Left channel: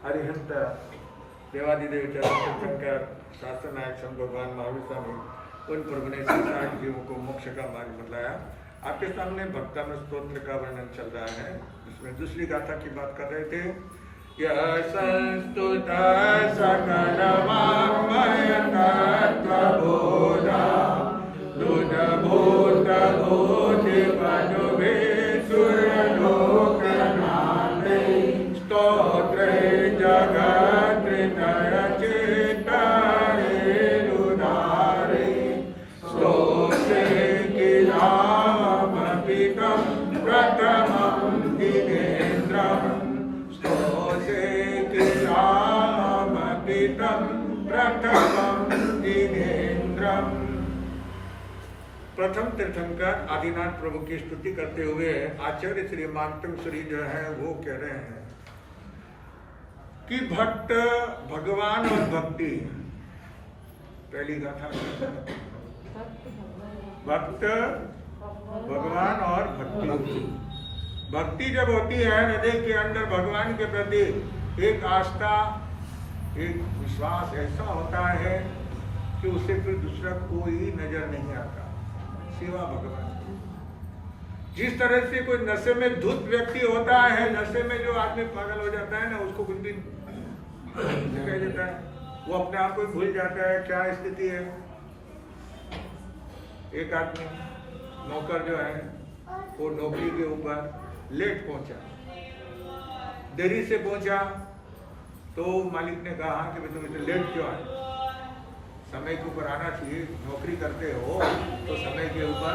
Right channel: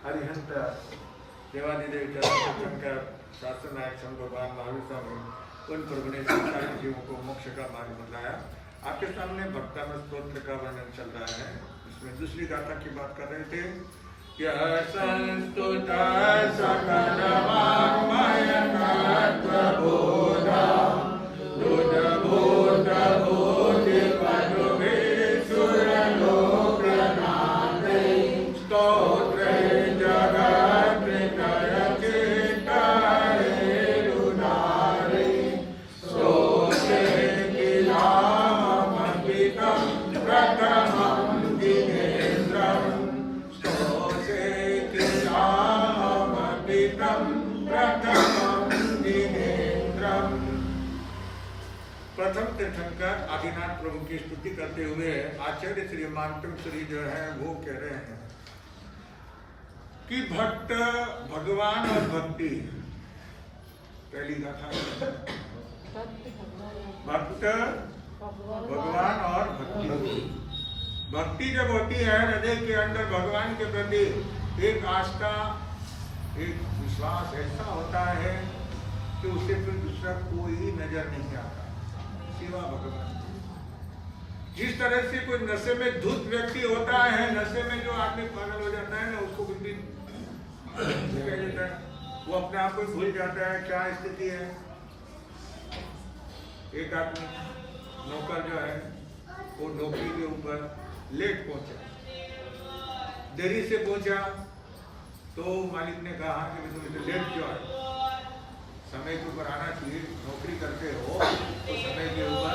अरिहंत देवादिदेव चरण शंकर शास्त्र नायक संत भगवान महावीर स्वामी उन प्रभु ने संसार जीवों को मोक्ष का मार्ग बतलाया। आपके सामने भक्तान स्तोत्र का वर्णन चल रहा है। इसमें दूसरी गाथा की बात कर रहे थे। यह संस्तुत सकल वाङ्मय तत्त्वबोधा दुध भूत भूति पदुभे सुरलोकनाथे स्तोत्र जगत्रितय चित्तरे रुदारे स्तोत्रे किलामपितं प्रथमं दिनेन्द्रम् स्तोत्रे किलामपितं प्रथमं दिनेन्द्रम्। प्रथम तीर्थंकर आदिनाथ प्रभु की स्तुति करते हुए आचार्य श्री मानतंग जो है वो कह रहे हैं कि भक्त भगवान और भक्ति, पहली गाथा भक्त भगवान और भक्ति। भक्ति जब होती है हृदय के अंदर भगवान के प्रति एक आस्था एक विश्वास ऐसा होता है कि उसे फिर दूसरा कोई नजर नहीं आता सिवा भगवान। जिस तरह से कोई नशे में धुत व्यक्ति होता है, नशे में जो आदमी पागल हो जाता है ना, उसको कुछ भी दिखाई देता है, वो अपने आप को भूल जाता है क्या स्थिति है। एक आदमी नौकर जो है वो नौकरी के ऊपर लेट पहुंचा, देरी से पहुंचा, तो मालिक ने कहा कि तुम इतने लेट क्यों आए, समय के ऊपर आना चाहिए, नौकरी करते हो तो समय के ऊपर।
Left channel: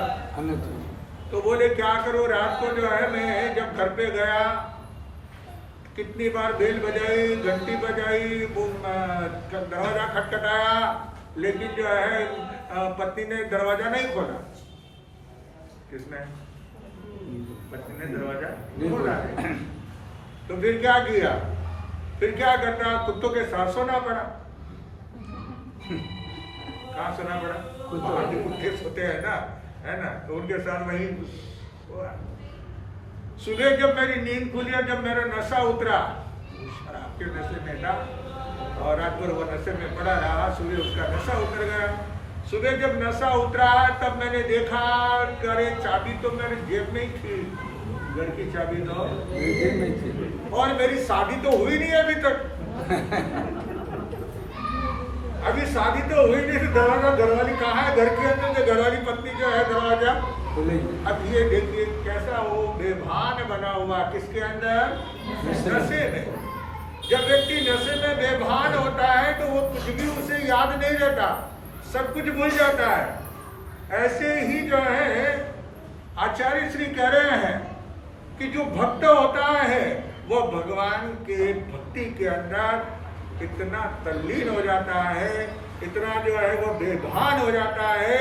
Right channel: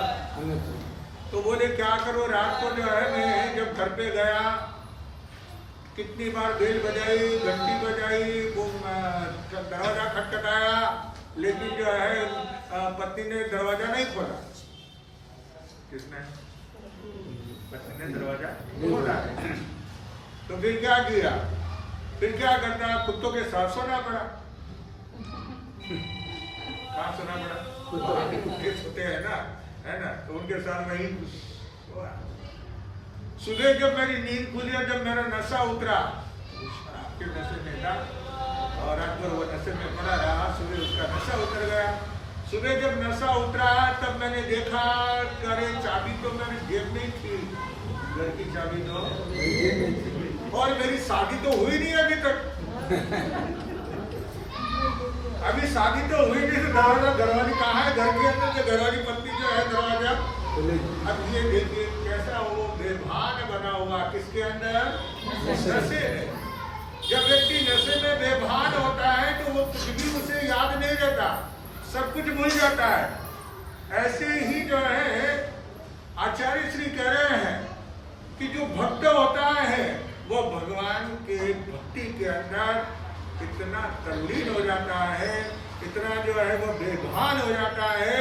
तो बोले क्या करो, रात को जो है मैं जब घर पे गया कितनी बार बेल बजाई, घंटी बजाई, वो दरवाजा खटखटाया, लेकिन जो है पत्नी ने दरवाजा नहीं खोला। किसने? पत्नी ने दरवाजा खोला है। तो फिर क्या किया, फिर क्या करता, कुत्तों के साथ सोना पड़ा। कहाँ सोना पड़ा? बाहर के कुत्ते सोते हैं ना, है ना, तो उनके साथ वही हुआ। सुबह जब मेरी नींद खुली और जब मेरा नशा उतरा, शराब के नशे में था और रात भर वो नशे में पड़ा रहा, सुबह उसका नशा उतर गया। सुबह जब नशा उतरा तब मैंने देखा अरे चाबी तो मेरी जेब में ही थी, घर की चाबी तो, और मेरी शादी तो हुई नहीं अभी तक। अभी शादी तो हुई नहीं, तो दरवाजा घरवाली कहाँ है, घर के अंदर जो घरवाली पत्नी जो है दरवाजा। अब ये देखिए कैसा वो बेभान बना हुआ, किसके अंदर? नशे में। जब व्यक्ति नशे में बेभान होता है तो वो कुछ भी उसे याद नहीं रहता, सब कुछ भूल जाता है। ऐसे ही जो है आचार्य श्री कह रहे हैं कि जो भक्त होता है वो भगवान के भक्ति के अंदर इतना तल्लीन हो जाता है, इतना जो है वो बेभान हो जाता है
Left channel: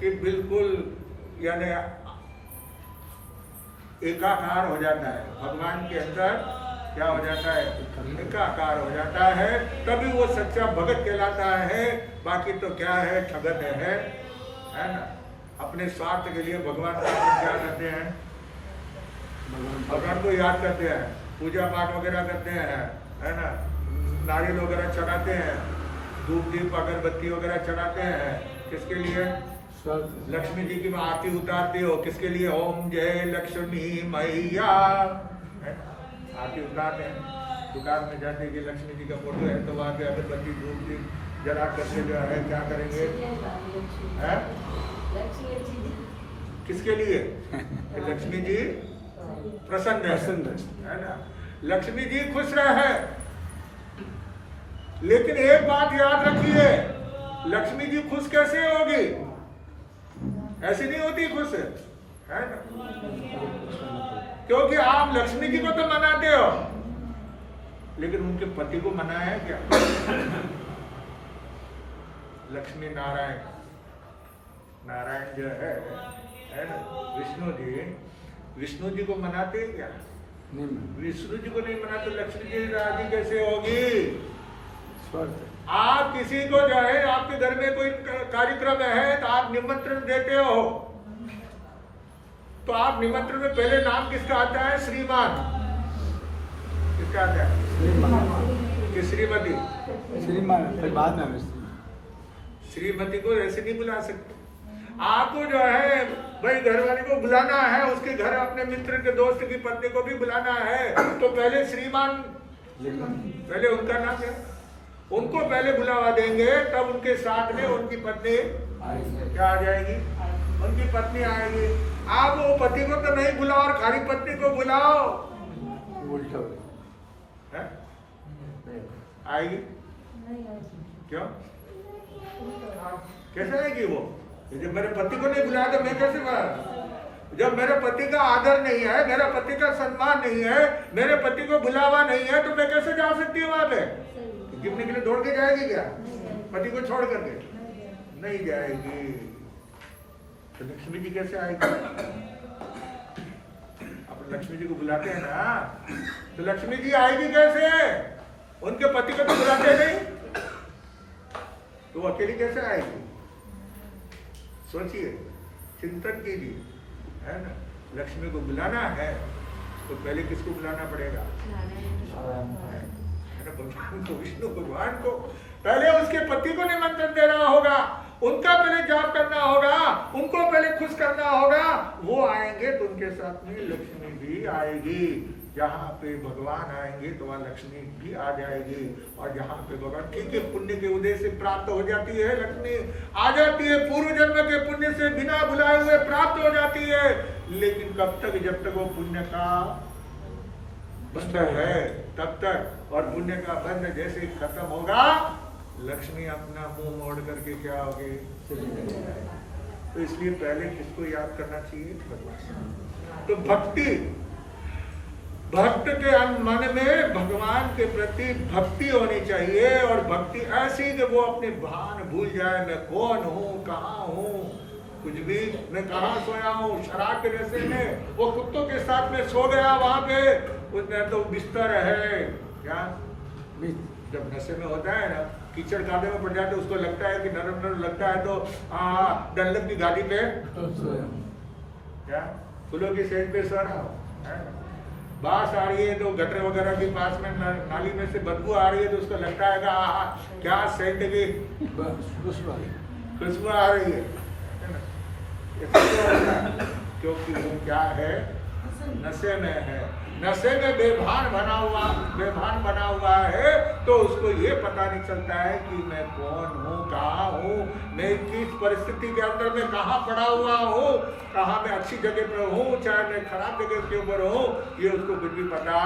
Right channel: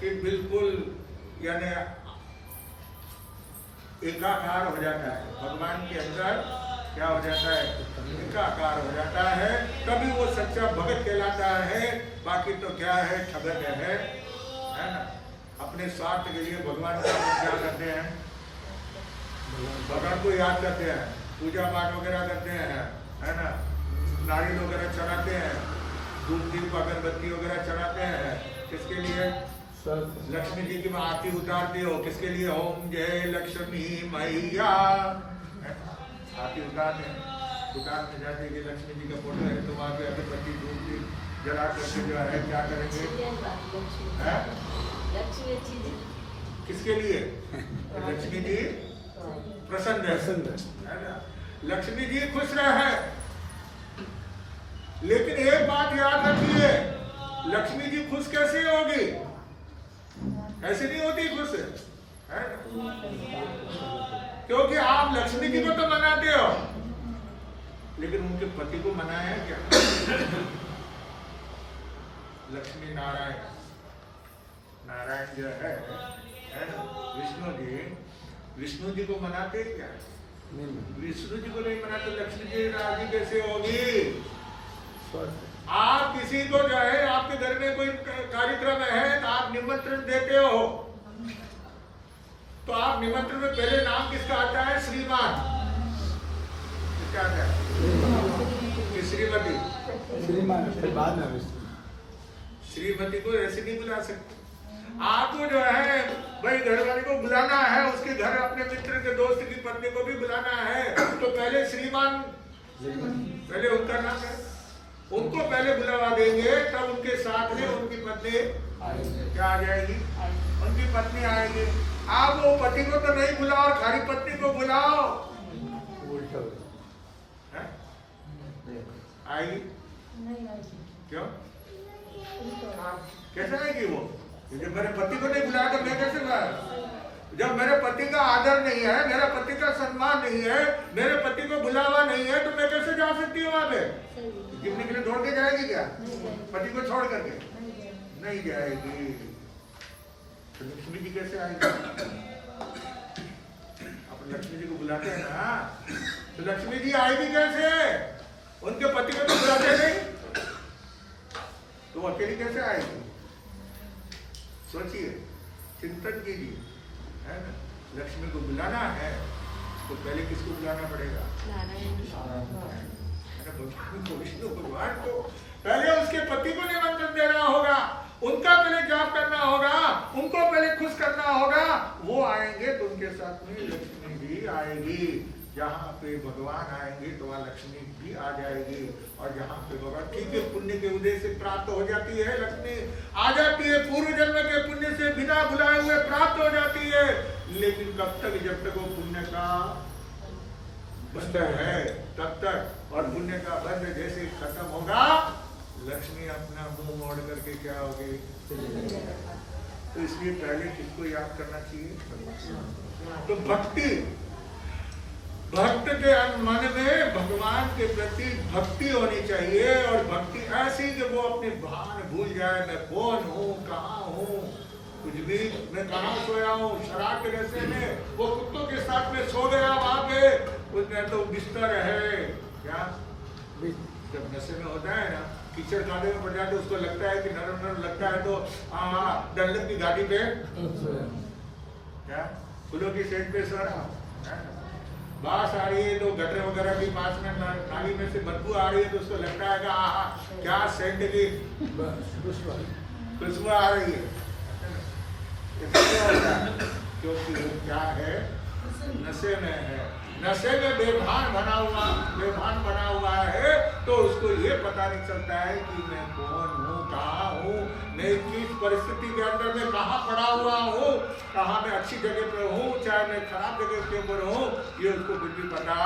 कि बिल्कुल यानी एकाकार हो जाता है। भगवान के अंदर क्या हो जाता है? एकाकार हो जाता है, तभी वो सच्चा भगत कहलाता है। बाकी तो क्या है, ठगत है ना। अपने स्वार्थ के लिए भगवान का अपन क्या करते हैं, भगवान को याद करते हैं, पूजा पाठ वगैरह करते हैं, है ना, नारियल वगैरह चढ़ाते हैं, धूप दीप अगरबत्ती वगैरह चढ़ाते हैं। किसके लिए? लक्ष्मी जी की आरती उतारते हो, किसके लिए? ओम जय लक्ष्मी मैया, आरती उतारते हैं। दुकान में जाते कि लक्ष्मी जी का फोटो है तो वहाँ पे अगरबत्ती धूप दीप जला करके जो है क्या करेंगे? किसके लिए? लक्ष्मी जी प्रसन्न है ना, लक्ष्मी जी खुश रहे। लेकिन एक बात याद रखिए, लक्ष्मी जी खुश कैसे होगी? ऐसी नहीं होती खुश, है ना, क्योंकि आप लक्ष्मी जी को तो मनाते हो, लेकिन उनके पति को मनाया है क्या? लक्ष्मी नारायण, नारायण जो है ना, विष्णु जी को मनाते हैं क्या? विष्णु जी को नहीं मनाते, लक्ष्मी जी राजी कैसे होगी? आप किसी को जो है आपके घर में कोई कार्यक्रम है तो आप निमंत्रण देते हो, तो आप निमंत्रण में पहले नाम किसका आता है? श्रीमान। किसका आता है? श्रीमती, श्रीमान, श्रीमती को ऐसे नहीं बुला सकते। आपको जो है भाई घर वाले को बुलाना है, उसके घर अपने मित्र के दोस्त की पत्नी को भी बुलाना है, तो पहले श्रीमान, पहले उनका नाम है, उनको पहले बुलावा देंगे, तब उनके साथ में उनकी पत्नी क्या आ जाएगी, उनकी पत्नी आएगी। आप वो पति को तो नहीं बुलाओ और खाली पत्नी को बुलाओ, है? आएगी? क्यों? कैसे आएगी वो? जब मेरे पति को नहीं बुलाया तो मैं कैसे बुलाया? जब मेरे पति का आदर नहीं है, मेरा पति का सम्मान नहीं है, मेरे पति को बुलावा नहीं है, तो मैं कैसे जा सकती हूँ वहां पे? गिरने के लिए दौड़ के जाएगी क्या पति को छोड़ करके? नहीं जाएगी। तो लक्ष्मी जी कैसे आएगी? आप लक्ष्मी जी को बुलाते हैं ना, तो लक्ष्मी जी आएगी कैसे? उनके पति को तो बुलाते नहीं, तो वो अकेली कैसे आएगी? सोचिए, चिंतन कीजिए, है ना। लक्ष्मी को बुलाना है तो पहले किसको बुलाना पड़ेगा? भगवान को, विष्णु भगवान को। पहले उसके पति को निमंत्रण देना होगा, उनका पहले जाप करना होगा, उनको पहले खुश करना होगा, वो आएंगे तो उनके साथ में लक्ष्मी भी आएगी। जहाँ पे भगवान आएंगे तो वहाँ लक्ष्मी भी आ जाएगी। और जहाँ पे भगवान, ठीक है, पुण्य के उदय से प्राप्त हो जाती है, लक्ष्मी आ जाती है, पूर्व जन्म के पुण्य से बिना बुलाए हुए प्राप्त हो जाती है। लेकिन कब तक? जब तक वो पुण्य का बंध है तब तक। और पुण्य का बंध जैसे ही खत्म होगा, लक्ष्मी अपना मुंह मोड़ करके क्या होगी? तो इसलिए पहले किसको याद करना चाहिए? भगवान। तो भक्ति, भक्त के मन में भगवान के प्रति भक्ति होनी चाहिए। और भक्ति ऐसी कि वो अपने भान भूल जाए, मैं कौन हूँ, कहाँ हूँ, कुछ भी, मैं कहाँ सोया हूँ। शराब के नशे में वो कुत्तों के साथ में सो गया वहां पे, उसमें तो बिस्तर है क्या? जब नशे में होता है ना, कीचड़ कादे में पड़ जाते, उसको लगता है कि नरम नरम लगता है, तो डल्लब की गाड़ी पे क्या फूलों की सेज पे सो रहा हो, है ना। बास आ रही है तो गटर वगैरह के पास में नाली में से बदबू आ रही है, तो उसको लगता है कि क्या सेंट की खुशबू आ रही है ना। क्योंकि वो क्या है? नशे में है, नशे में बेभान बना हुआ है। तो उसको ये पता नहीं चलता है कि मैं कौन हूँ, कहाँ हूँ, मैं किस परिस्थिति के अंदर में कहाँ पड़ा हुआ हूँ, कहाँ मैं अच्छी जगह पे हूँ, चाहे मैं खराब जगह के ऊपर हूँ, ये उसको कुछ भी पता।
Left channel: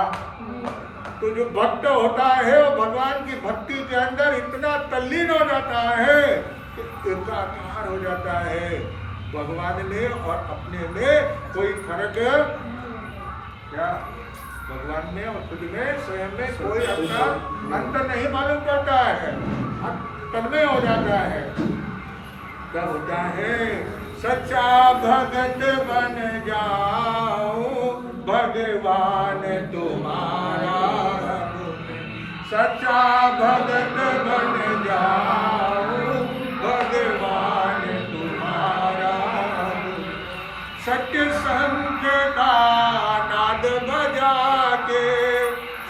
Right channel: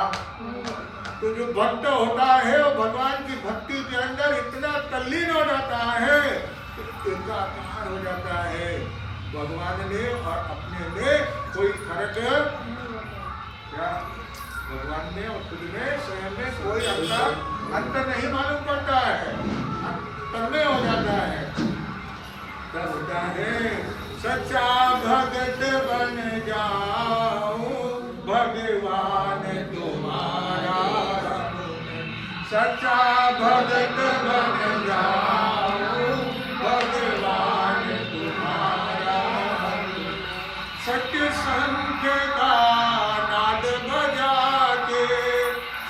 तो जो भक्त होता है वो भगवान की भक्ति के अंदर इतना तल्लीन हो जाता है कि एकाकार हो जाता है। भगवान में और अपने में कोई फर्क क्या? भगवान में और खुद में, स्वयं में कोई अंतर नहीं मालूम पड़ता है, तन्मय हो जाता है। क्या होता है? सच्चा भगत बन जाऊं भगवान तुम्हारा, सच्चा भगत बन जाऊं भगवान तुम्हारा। सत्य संग का नाद बजा के,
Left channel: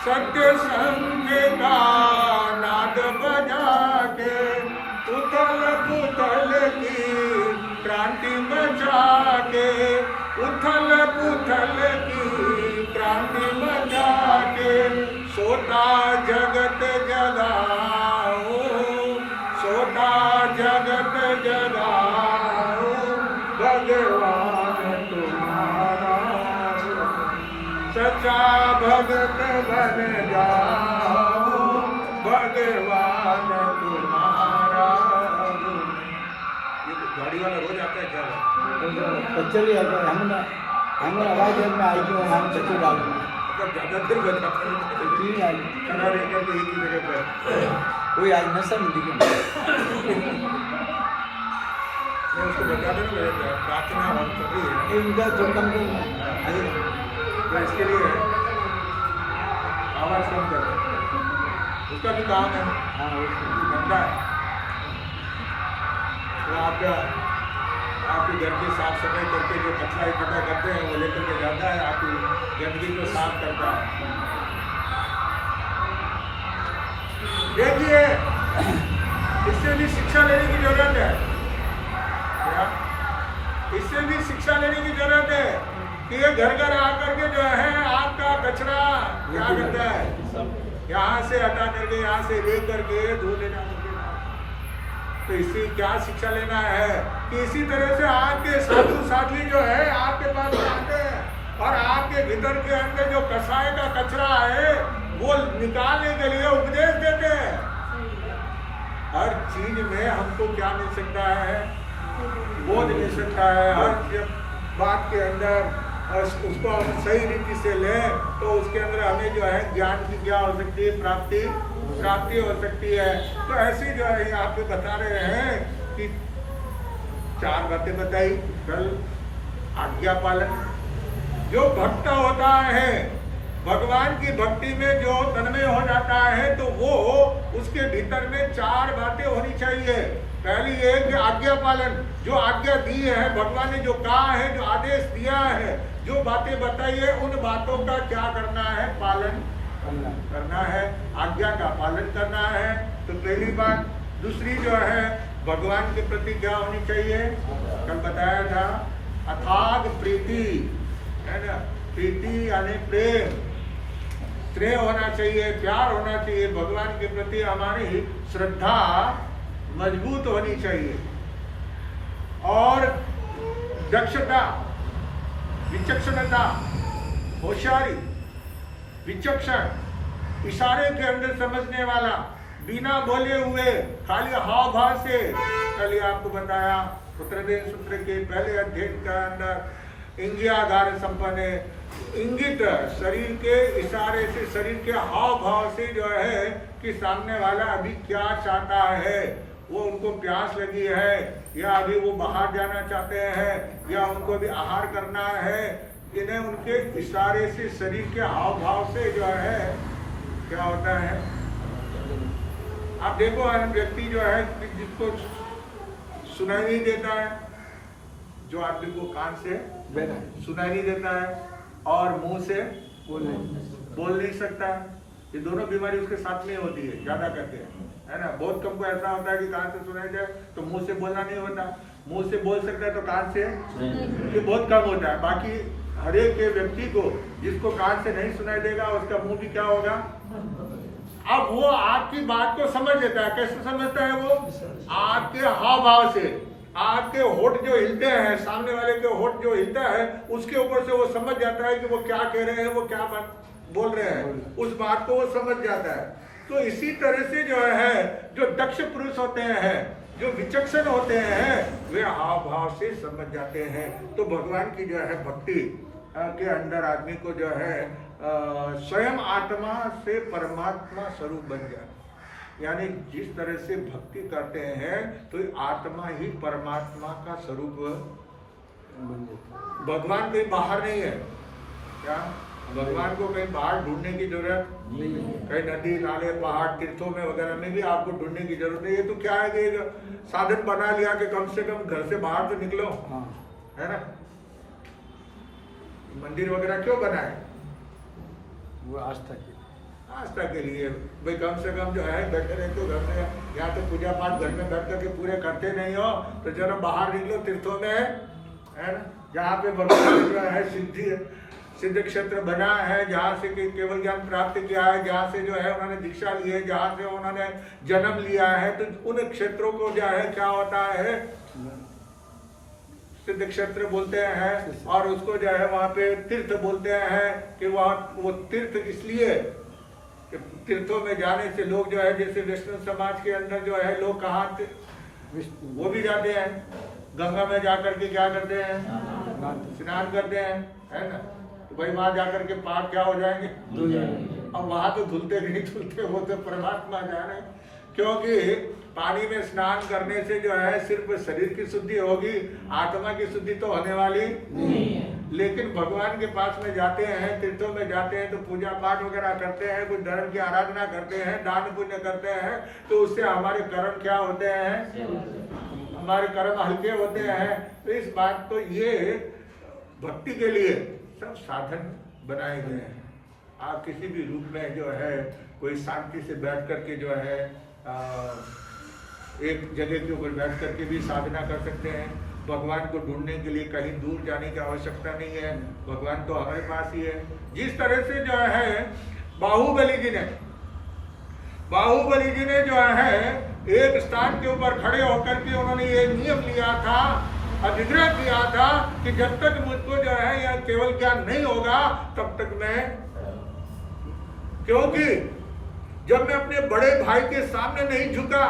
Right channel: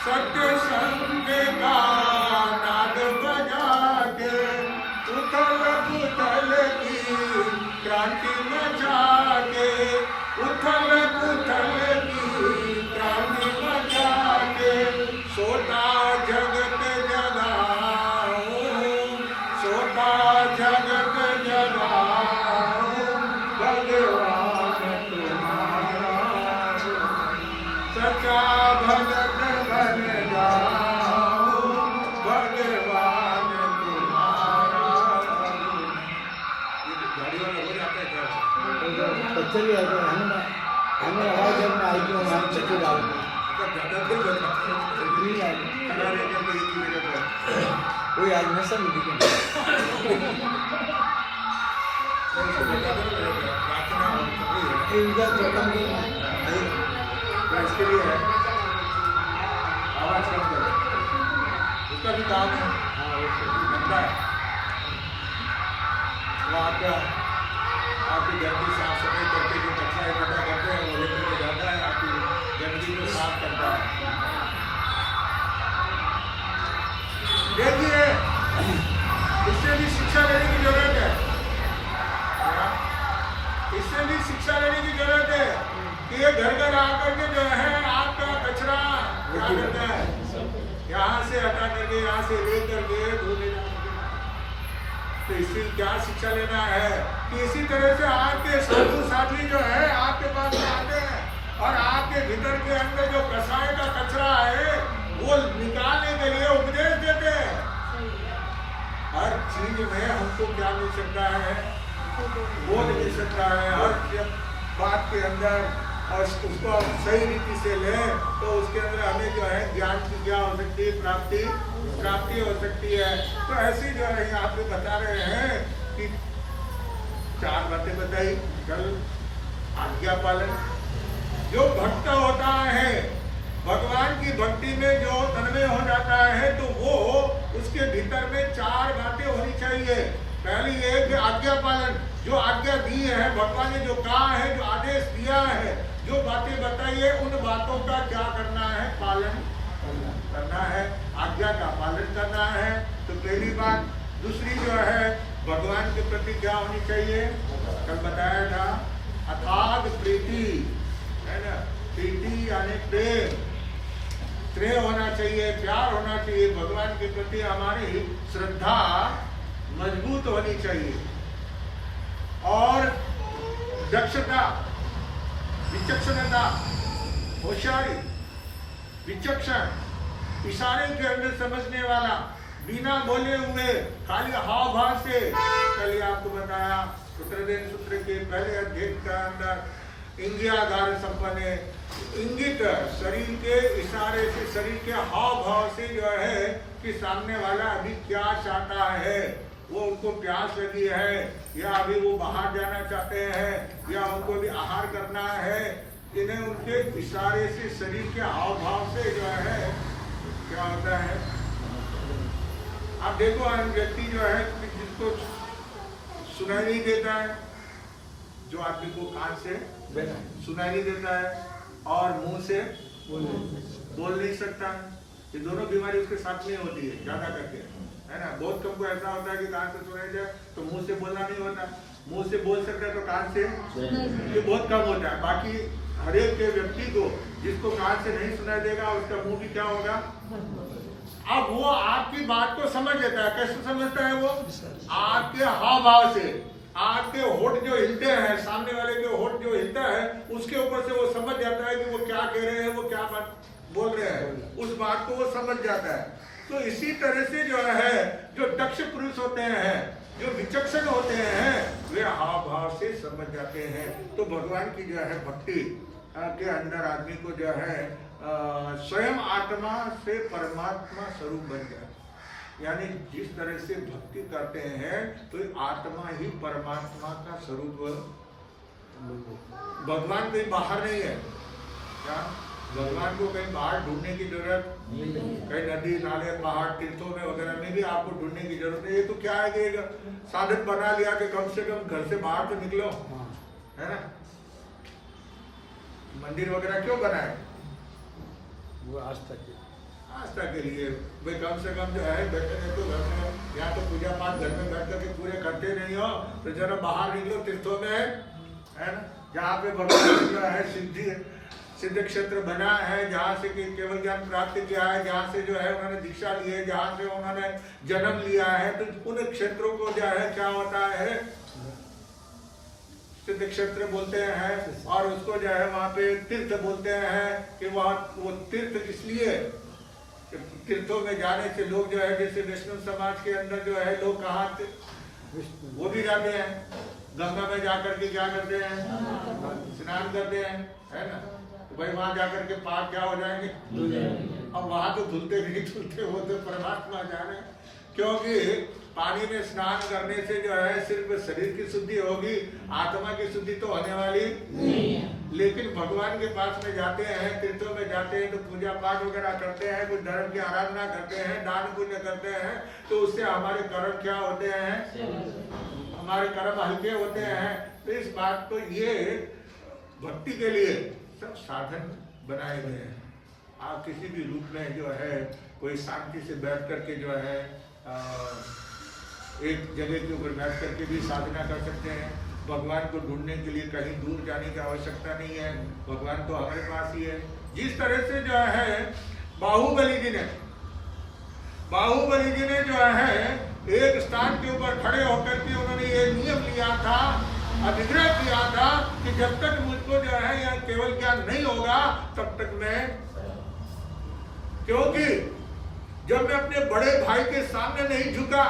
सत्य संग का नाद बजा के, उथल पुथल की क्रांति मचा के, उथल पुथल की क्रांति मचा के, सोता जगत जगाऊं, सोता जगत जगाऊं भगवान तुम्हारा। सच्चा भगत बन जाओ भगवान तुम्हारा। ये तो गाड़ी वाला रोज आता है क्या? चलिए हम ज्यादा फिर बजाते हैं, खड़ा रहकर के एक ही जगह पर कोई नशा नहीं, उसको बता देना मेरे प्रार्थना और सभी है, तो इसके लिए है आवाज कम कर, उसका भी काम है, धंधा है। वो आपके घर की साफ सफाई करके जो कचरा इकट्ठा करते हैं वो लेकर के जाता है, आपकी गंदगी को साफ करता है। देखिए, इससे भी शिक्षा लेने की जरूरत है क्या? इससे भी शिक्षा लेने की जरूरत है कि ये घर घर आकर के जो है आपका कचरा क्या करता है, यहाँ से हटा करके यहाँ से ले करके धो ले जा करके। तो इसी क्या शिक्षा लेना है कि इसी तरह से आपके साधु साध्वी जो है आपके पास में आते हैं और आपके भीतर के अंदर जो कसाय का कचरा है वो निकालने के लिए उपदेश देते हैं। हर चीज में हमको क्या मिल सकता है, बोध मिल सकता है। हर बात के अंदर और उसको हम सही रीति से लें तो उसके अंदर हमें जो है ज्ञान की क्या हो सकती है, प्राप्ति हो सकती है। तो ऐसी जो है यहाँ पे बता रहे हैं कि 4 बातें बताई कल। आज्ञा पालन, जो भक्त होता है भगवान की भक्ति में जो तन्मय हो जाता है तो वो उसके भीतर में 4 बातें होनी चाहिए। पहली ये कि आज्ञा पालन, जो आज्ञा दी है भगवान ने, जो कहा है, जो आदेश दिया है, जो बातें बताई है, उन बातों का क्या करना है, पालन करना है, आज्ञा का पालन करना है। तो पहली बात। दूसरी जो है भगवान के प्रति क्या होनी चाहिए, कल बताया था, अथाग प्रीति, है ना। प्रीति यानी प्रेम, स्नेह होना चाहिए, प्यार होना चाहिए। भगवान के प्रति हमारी श्रद्धा मजबूत होनी चाहिए। और दक्षता, विचक्षणता, होशियारी, विचक्षण, इशारे के अंदर समझने वाला, बिना बोले हुए खाली हाव भाव से। कल आपको बताया सूत्रदेन सूत्र के पहले अध्याय के अंदर इंगियाधार संपन्न, इंगित शरीर के इशारे से, शरीर के हाव भाव से जो है कि सामने वाला अभी क्या चाहता है, वो उनको प्यास लगी है या अभी वो बाहर जाना चाहते हैं या उनको भी आहार करना है, इन्हें उनके इशारे से, शरीर के हाव भाव से जो है क्या होता है। आप देखो व्यक्ति जो है जिसको सुनाई नहीं देता है, जो आदमी को कान से सुनाई नहीं देता है और मुंह से बोल नहीं सकता है, ये दोनों बीमारी उसके साथ में होती है ज्यादा करके, है ना। बहुत कम को ऐसा होता है कि कान से सुनाई दे तो मुंह से बोलना नहीं होता, मुंह से बोल सकता है तो कान से, ये बहुत कम होता है। बाकी हर एक के व्यक्ति को जिसको कान से नहीं सुनाई देगा उसका मुंह भी क्या होगा, अब वो आपकी बात को समझ लेता है। कैसे समझता है वो, आपके हाव भाव से, आपके होठ जो हिलते हैं, सामने वाले के होठ जो हिलता है उसके ऊपर से वो समझ जाता है कि वो क्या कह रहे हैं, वो क्या बात बोल रहे हैं, उस बात को वो समझ जाता है। तो इसी तरह से जो है जो दक्ष पुरुष होते हैं, जो विचक्षण होते हैं, वे हाव भाव से समझ जाते हैं। तो भगवान की जो है भक्ति के अंदर आदमी को जो है स्वयं आत्मा से परमात्मा स्वरूप बन जाए। यानी जिस तरह से भक्ति करते हैं तो आत्मा ही परमात्मा का स्वरूप, भगवान कहीं बाहर नहीं है क्या, भगवान को कहीं बाहर ढूंढने की जरूरत नहीं, कहीं नदी नाले पहाड़ तीर्थों में वगैरह में भी आपको ढूंढने की जरूरत नहीं। ये तो क्या है कि साधन बना लिया कि कम से कम घर से बाहर तो निकलो, है ना। मंदिर वगैरह क्यों बनाए, आस्था के लिए भाई, कम से कम जो है बैठे रहे तो घर में, या तो पूजा पाठ घर में बैठ करके पूरे करते नहीं हो तो जरा बाहर निकलो तीर्थों में, है ना, जहाँ पे भगवान जो है सिद्ध क्षेत्र बना है, जहाँ से केवल ज्ञान प्राप्त किया है, जहाँ से जो है उन्होंने दीक्षा ली है, जहाँ से उन्होंने जन्म लिया है, तो उन क्षेत्रों को जो है क्या होता है, सिद्ध क्षेत्र बोलते हैं। और उसको जो है वहाँ पे तीर्थ बोलते हैं कि वहाँ वो तीर्थ इसलिए, तीर्थों में जाने से लोग जो है, जैसे वैष्णव समाज के अंदर जो है लोग कहाँ वो भी जाते हैं, गंगा में जाकर के क्या करते हैं, स्नान करते हैं, है ना। तो भाई वहां जाकर के पाप क्या हो जाएंगे, अब वहां तो धुलते नहीं धुलते, वो तो परमात्मा जाने। क्योंकि पानी में स्नान करने से जो है सिर्फ शरीर की शुद्धि होगी, आत्मा की शुद्धि तो होने वाली नहीं है। लेकिन भगवान के पास में जाते हैं, तीर्थों में जाते हैं तो पूजा पाठ वगैरह करते हैं, कुछ धर्म की आराधना करते हैं, दान पुण्य करते हैं, तो उससे हमारे कर्म क्या होते हैं, हमारे कर्म हल्के होते हैं। तो इस बात को, ये भक्ति के लिए सब साधन बनाए गए हैं। आप किसी भी रूप में जो है कोई शांति से बैठ करके जो है एक जगह के ऊपर बैठ करके भी साधना कर सकते हैं। भगवान को ढूंढने के लिए कहीं दूर जाने की आवश्यकता नहीं है, भगवान तो हमारे पास ही है। जिस तरह से जो है बाहुबली जी ने जो है एक स्थान के ऊपर खड़े होकर के उन्होंने ये नियम लिया था, अधिग्रह किया था कि जब तक मुझको जो है यह केवल ज्ञान नहीं होगा तब तक मैं, क्योंकि जब मैं अपने बड़े भाई के सामने नहीं झुका,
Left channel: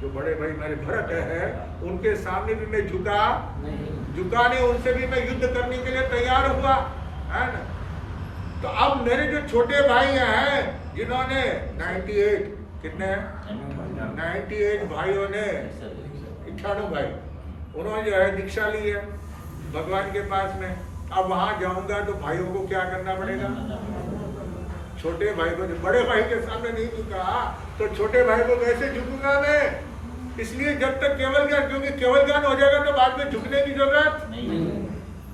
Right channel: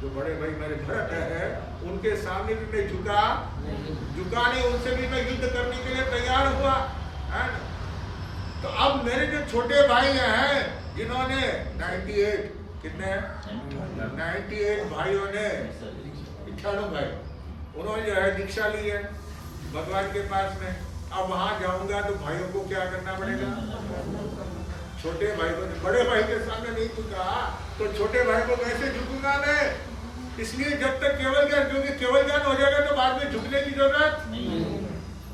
जो बड़े भाई मेरे भरत है उनके सामने भी मैं झुका नहीं, उनसे भी मैं युद्ध करने के लिए तैयार हुआ, है ना। तो अब मेरे जो छोटे भाई हैं जिन्होंने 98 कितने 98 भाइयों ने 98 भाई उन्होंने जो है दीक्षा ली है भगवान के पास में। अब वहां जाऊंगा तो भाइयों को क्या करना पड़ेगा, छोटे भाई को, बड़े भाई के सामने नहीं झुका तो छोटे भाई को कैसे झुकूंगा मैं। इसलिए जब तक केवल ज्ञान, क्योंकि केवल ज्ञान हो जाएगा तो बाद में झुकने की जरूरत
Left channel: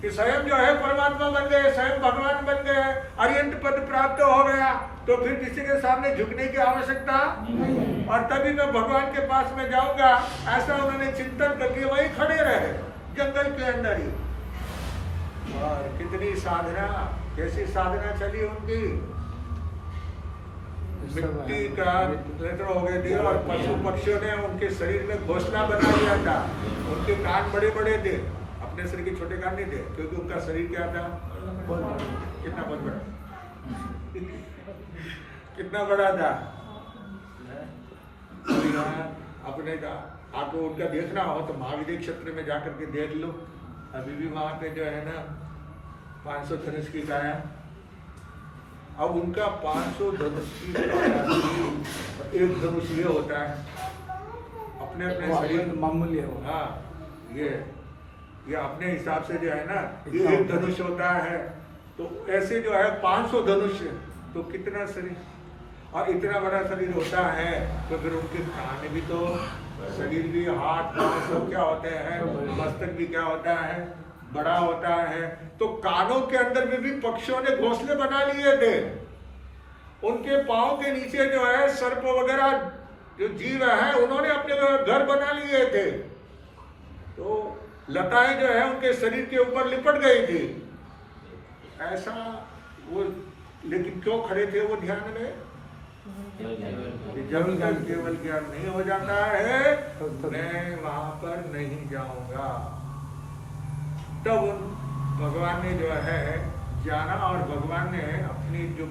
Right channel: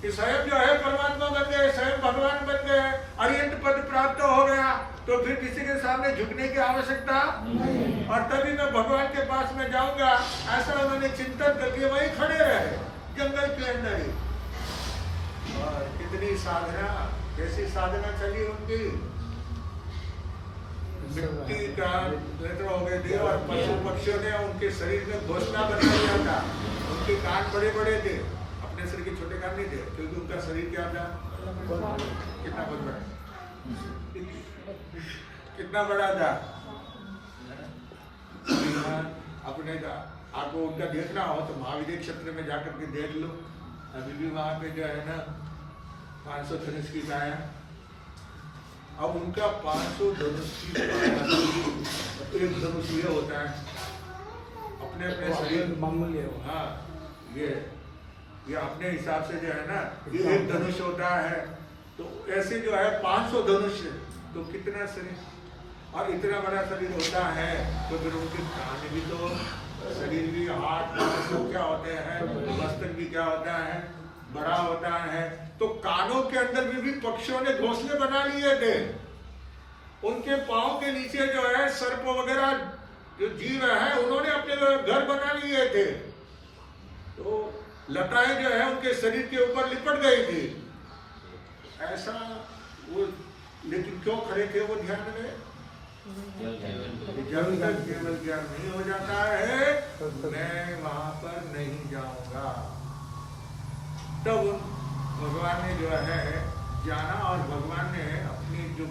कि स्वयं जो है परमात्मा बन गए, स्वयं भगवान बन गए, अरिहंत पद प्राप्त हो गया, तो फिर किसी के सामने झुकने की आवश्यकता और तभी मैं भगवान के पास में जाऊंगा। ऐसा उन्होंने चिंतन करके वही खड़े रहे जंगल के अंदर ही। और कितनी साधना, कैसी साधना चली उनकी, मिट्टी का लेकर हो गए थे और पशु पक्षियों ने उनके शरीर में घोंसला बना लिया था। उनके कान बड़े बड़े थे, अपने शरीर के छोटे कान नहीं थे, क्योंकि उनका शरीर क्या था, कितना बहुत बड़ा कितना बड़ा था। अपने आपको उनका देखना हो तो महाविद्य क्षेत्र में जाकर के देख लो, अभी भी वहां पे जो है ना 500 धनुष की काया। अब उनका 500 धनुष की काया थी, एक धनुष ये होता है अपने अपने शरीर मामूली, हाँ ये अपने हिसाब से जो है ना ये एक धनुष होता है, तो ऐसे जो है 500 धनुष, तो कितना शरीर, और इतना बड़ा शरीर होता है तो फिर उनके कान भी तो, शरीर भी, हाथ पांव सब क्या होते हैं, मस्तक भी क्या होता है, बड़ा होता है। तो कानों के अंदर भी पक्षियों ने घोंसले बना लिए थे। उनके पांव के नीचे जो है सर्प वगैरह जो जीव है उन्होंने अपने घर बना लिए थे। तो लताएं जो है उनके शरीर के ऊपर लिपट गई थी। ऐसा वो, लेकिन क्यों खड़े थे वो ध्यान में, जब तक केवल ज्ञान नहीं हो जाता है मैं वहां पर नहीं जाऊंगा। तब उन भगवान ने जो है जाना और भगवान ने अपनी जो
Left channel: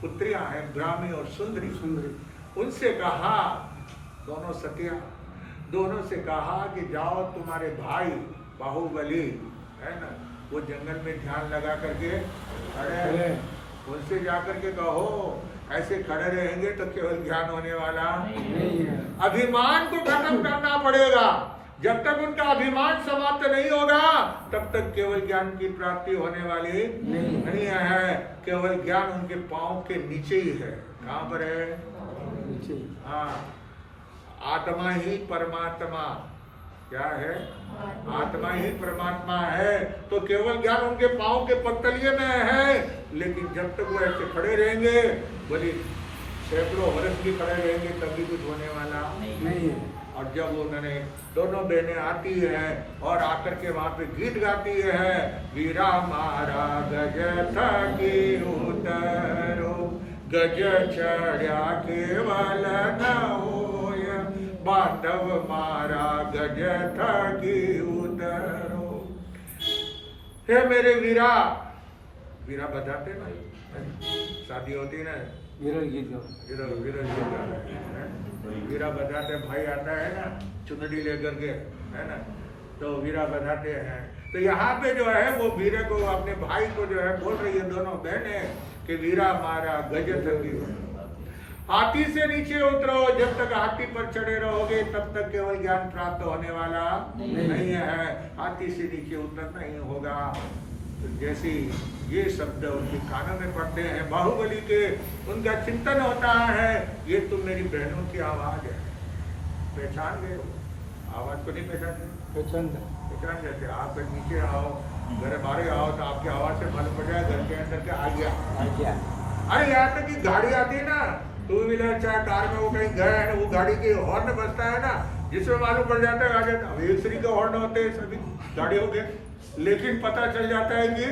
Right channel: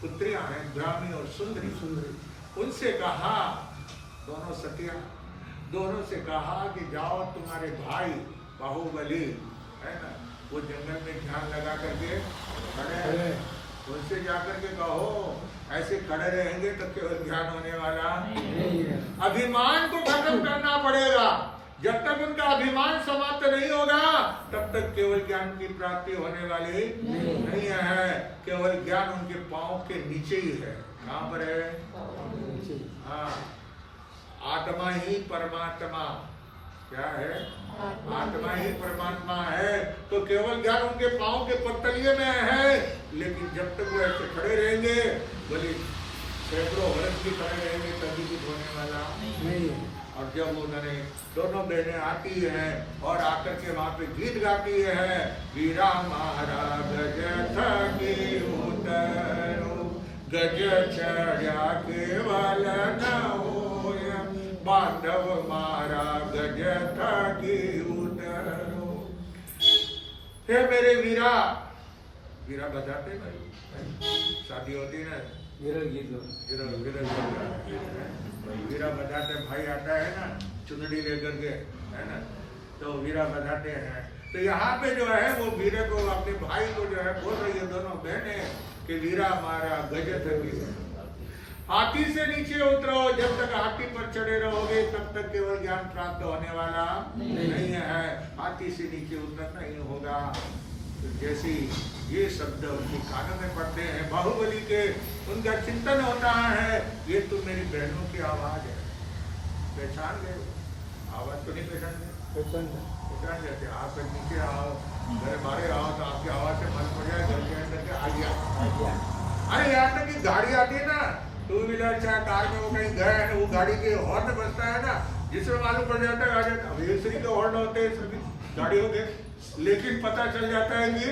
पुत्रियां हैं ब्राह्मी और सुंदरी, उनसे कहा, दोनों सतिया, दोनों से कहा कि जाओ तुम्हारे भाई बाहुबली है ना वो जंगल में ध्यान लगा करके खड़े हैं, उनसे जाकर के कहो ऐसे खड़े रहेंगे तो केवल ज्ञान होने वाला नहीं है। अभिमान को खत्म करना पड़ेगा। जब तक उनका अभिमान समाप्त नहीं होगा तब तक केवल ज्ञान की प्राप्ति होने वाली नहीं है। केवल ज्ञान उनके पांव के नीचे ही है। कहाँ पर है? हाँ, आत्मा ही परमात्मा, क्या है? आत्मा ही परमात्मा है। तो केवल ज्ञान उनके पांव के पत्तलिए में है। लेकिन जब तक वो ऐसे खड़े रहेंगे, बोले सैकड़ों वर्ष भी खड़े रहेंगे तभी कुछ होने वाला नहीं। और जब उन्होंने दोनों बहनें आती हैं और आकर के वहां पे गीत गाती है, वीरा मारा गज थकी उतरो, गज चढ़ा केवल न होय, बांधव मारा गज थकी उतरो। हे मेरे वीरा, वीरा बजाते ना, शादी होती ना, वीरा बजाते, भाई आता है ना चुनरी लेकर के, है ना, तो वीरा बजाते हैं। तो यहाँ पे जो है वो वीरे को, अपने भाई को जो है बोल रही है दोनों बहनें कि वीरा मारा गज थकी, हाथी से नीचे उतरो। जब तक हाथी पर चढ़े रहोगे तब तक केवल ज्ञान प्राप्त होने वाला नहीं है। हाथी से नीचे उतरना ही होगा। तो जैसे ये शब्द उनके कानों में पड़ते हैं बाहुबली के, उनका चिंतन होता है ये तो मेरी बहनों की आवाज है। पहचान गए हो? आवाज को नहीं पहचान गए? पहचान जाते। आप नीचे आओ, घर बाहर आओ तो आपकी आवाज से मालूम पड़ जाए घर के अंदर के आ गया। क्या? अरे यहाँ तक कि गाड़ी आती है ना, टू व्हीलर चाहे कार में, वो कहीं गए हैं, वो गाड़ी के हॉर्न बजता है ना, जिसमें मालूम पड़ जाता है आ जाता है। एक श्री के हॉर्न होते हैं सभी गाड़ियों के, लेकिन पता चल जाता है कि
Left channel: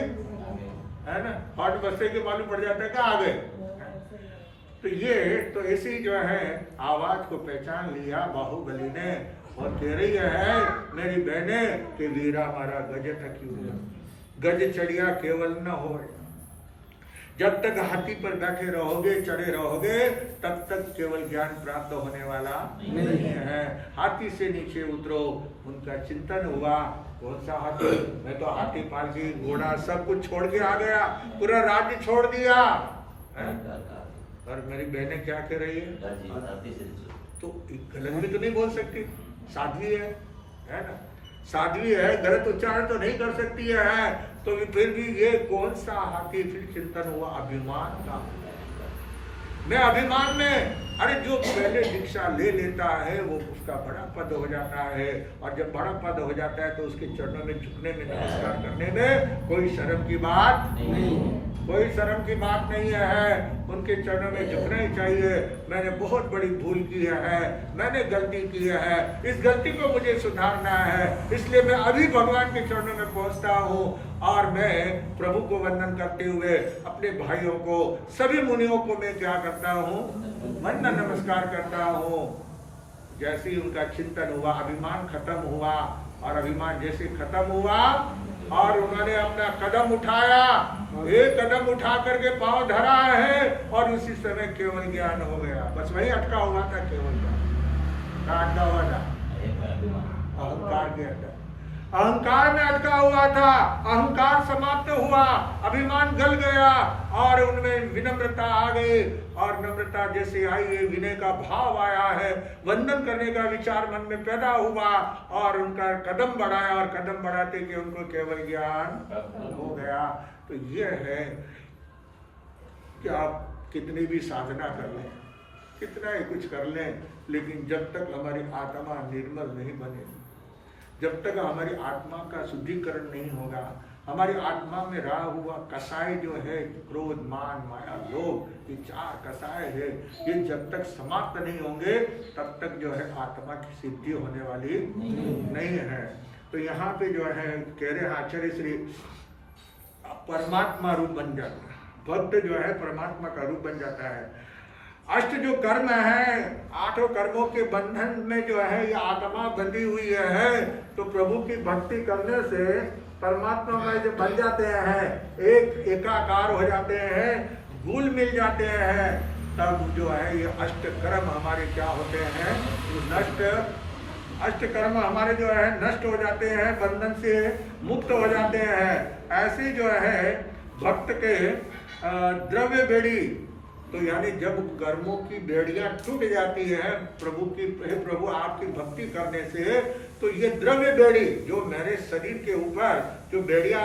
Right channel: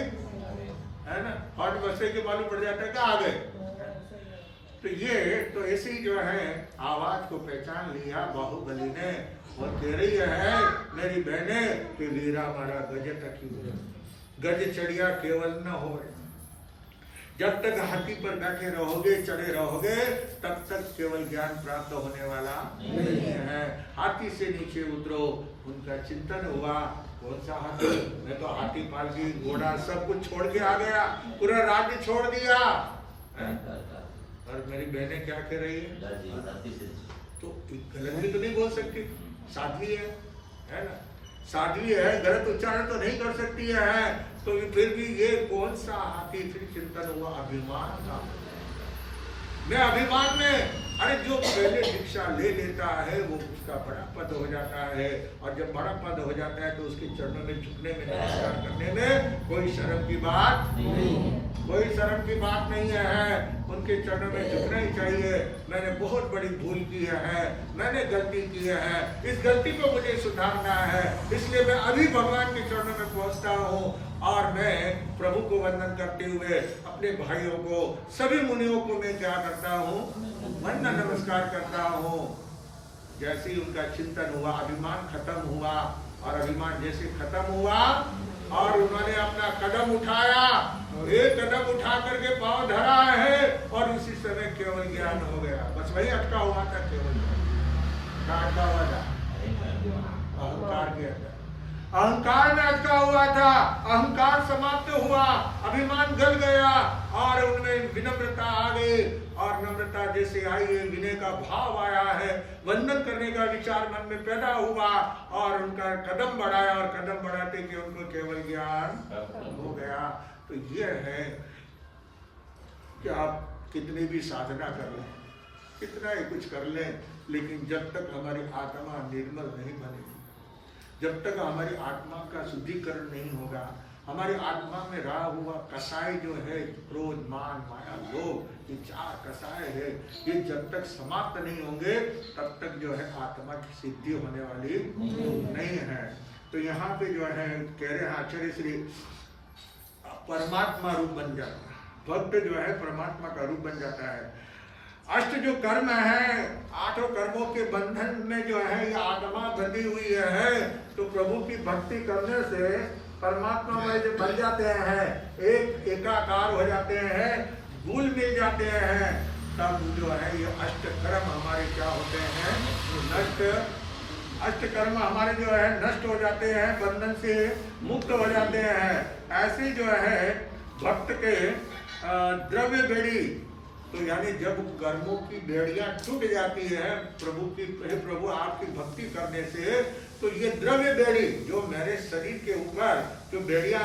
है ना, हॉर्न बजते के मालूम पड़ जाता है कि आ गए। तो ये तो ऐसी जो है आवाज को पहचान लिया बाहुबली ने, और कह रही है मेरी बहने कि वीरा मारा गज तक गज चढ़िया केवल न हो। जब तक हाथी पर बैठे रहोगे, चढ़े रहोगे, तब तक केवल ज्ञान प्राप्त होने वाला नहीं है। हाथी से नीचे उतरो, उनका चिंतन हुआ। कौन सा हाथी? मैं तो हाथी पालकी घोड़ा सब कुछ छोड़ के आ गया, पूरा राज्य छोड़ दिया है? और मेरी बहनें क्या कह रही है? तो गलत भी तो नहीं बोल सकती, साध्वी है ना, साध्वी है, गलत उच्चारण तो नहीं कर सकती है। तो फिर भी ये कौन सा हाथी? फिर चिंतन हुआ अभिमान का। मैं अभिमान में, अरे जो पहले दीक्षा ले लेता है वो उसका बड़ा पद हो जाता है, और जब बड़ा पद हो जाता है तो उसके चरणों में झुकने में, नमस्कार करने में कोई शर्म की बात नहीं, कोई शर्म की बात नहीं है। उनके चरणों में झुकना ही चाहिए। मैंने बहुत बड़ी भूल की है, मैंने गलती की है, इस गलती को मुझे सुधारना है, इसलिए मैं अभी भगवान के चरणों में पहुंचता हूँ, और मैं प्रभु को वंदन करते हुए अपने भाइयों को, सभी मुनियों को मैं क्या करता हूँ? वंदन नमस्कार करता हूँ। जैसे ही उनका चिंतन हुआ, अभिमान खत्म हुआ, और अभिमान जैसे खत्म हुआ और उन्होंने अपना कदम उठाया, एक कदम उठा करके पांव धरा है, और उसी समय केवल ज्ञान हो गया। बस वही अटका हुआ था, केवल ज्ञान का अटका हुआ था, अहंकार के अंदर, अहंकार में अटका हुआ था। अहंकार समाप्त हुआ, अभिमान गल गया, और उनमें विनम्रता आ गई, और नम्रता जैसे आई है, विनय का भाव आया है, वंदन करने का विचार मन में पैदा हुआ, और उनका कदम बढ़ाया, और कदम बढ़ाते कि उनको केवल ज्ञान हो गया। तो ये है कि आप कितनी भी साधना कर लें, कितना ही कुछ कर लें, लेकिन जब तक हमारी आत्मा निर्मल नहीं बनेगी, जब तक हमारी आत्मा का शुद्धिकरण नहीं होगा, हमारी आत्मा में रहा हुआ कसाय जो है, क्रोध, मान, माया, लोभ, ये चार कसाय है, ये जब तक समाप्त नहीं होंगे तब तक जो है आत्मा की सिद्धि होने वाली नहीं है। तो यहाँ पे जो है कह रहे हैं आचार्य श्री, परमात्मा रूप बन जाता है, भक्त जो है परमात्मा का रूप बन जाता है। अष्ट जो कर्म है, आठों कर्मों के बंधन में जो है ये आत्मा बंधी हुई है, तो प्रभु की भक्ति करने से परमात्मा में जो बन जाते हैं, एक एकाकार हो जाते हैं, घुल मिल जाते हैं, तब जो है ये अष्ट कर्म हमारे क्या होते हैं? नष्ट। अष्ट कर्म हमारे जो है नष्ट हो जाते हैं, बंधन से मुक्त हो जाते हैं। ऐसे जो है भक्त के द्रव्य बेड़ी, तो यानी जब कर्मों की बेड़ियां टूट जाती है प्रभु की, प्रभु आपकी भक्ति करने से, तो ये द्रव्य बेड़ी जो मेरे शरीर के ऊपर जो बेड़ियां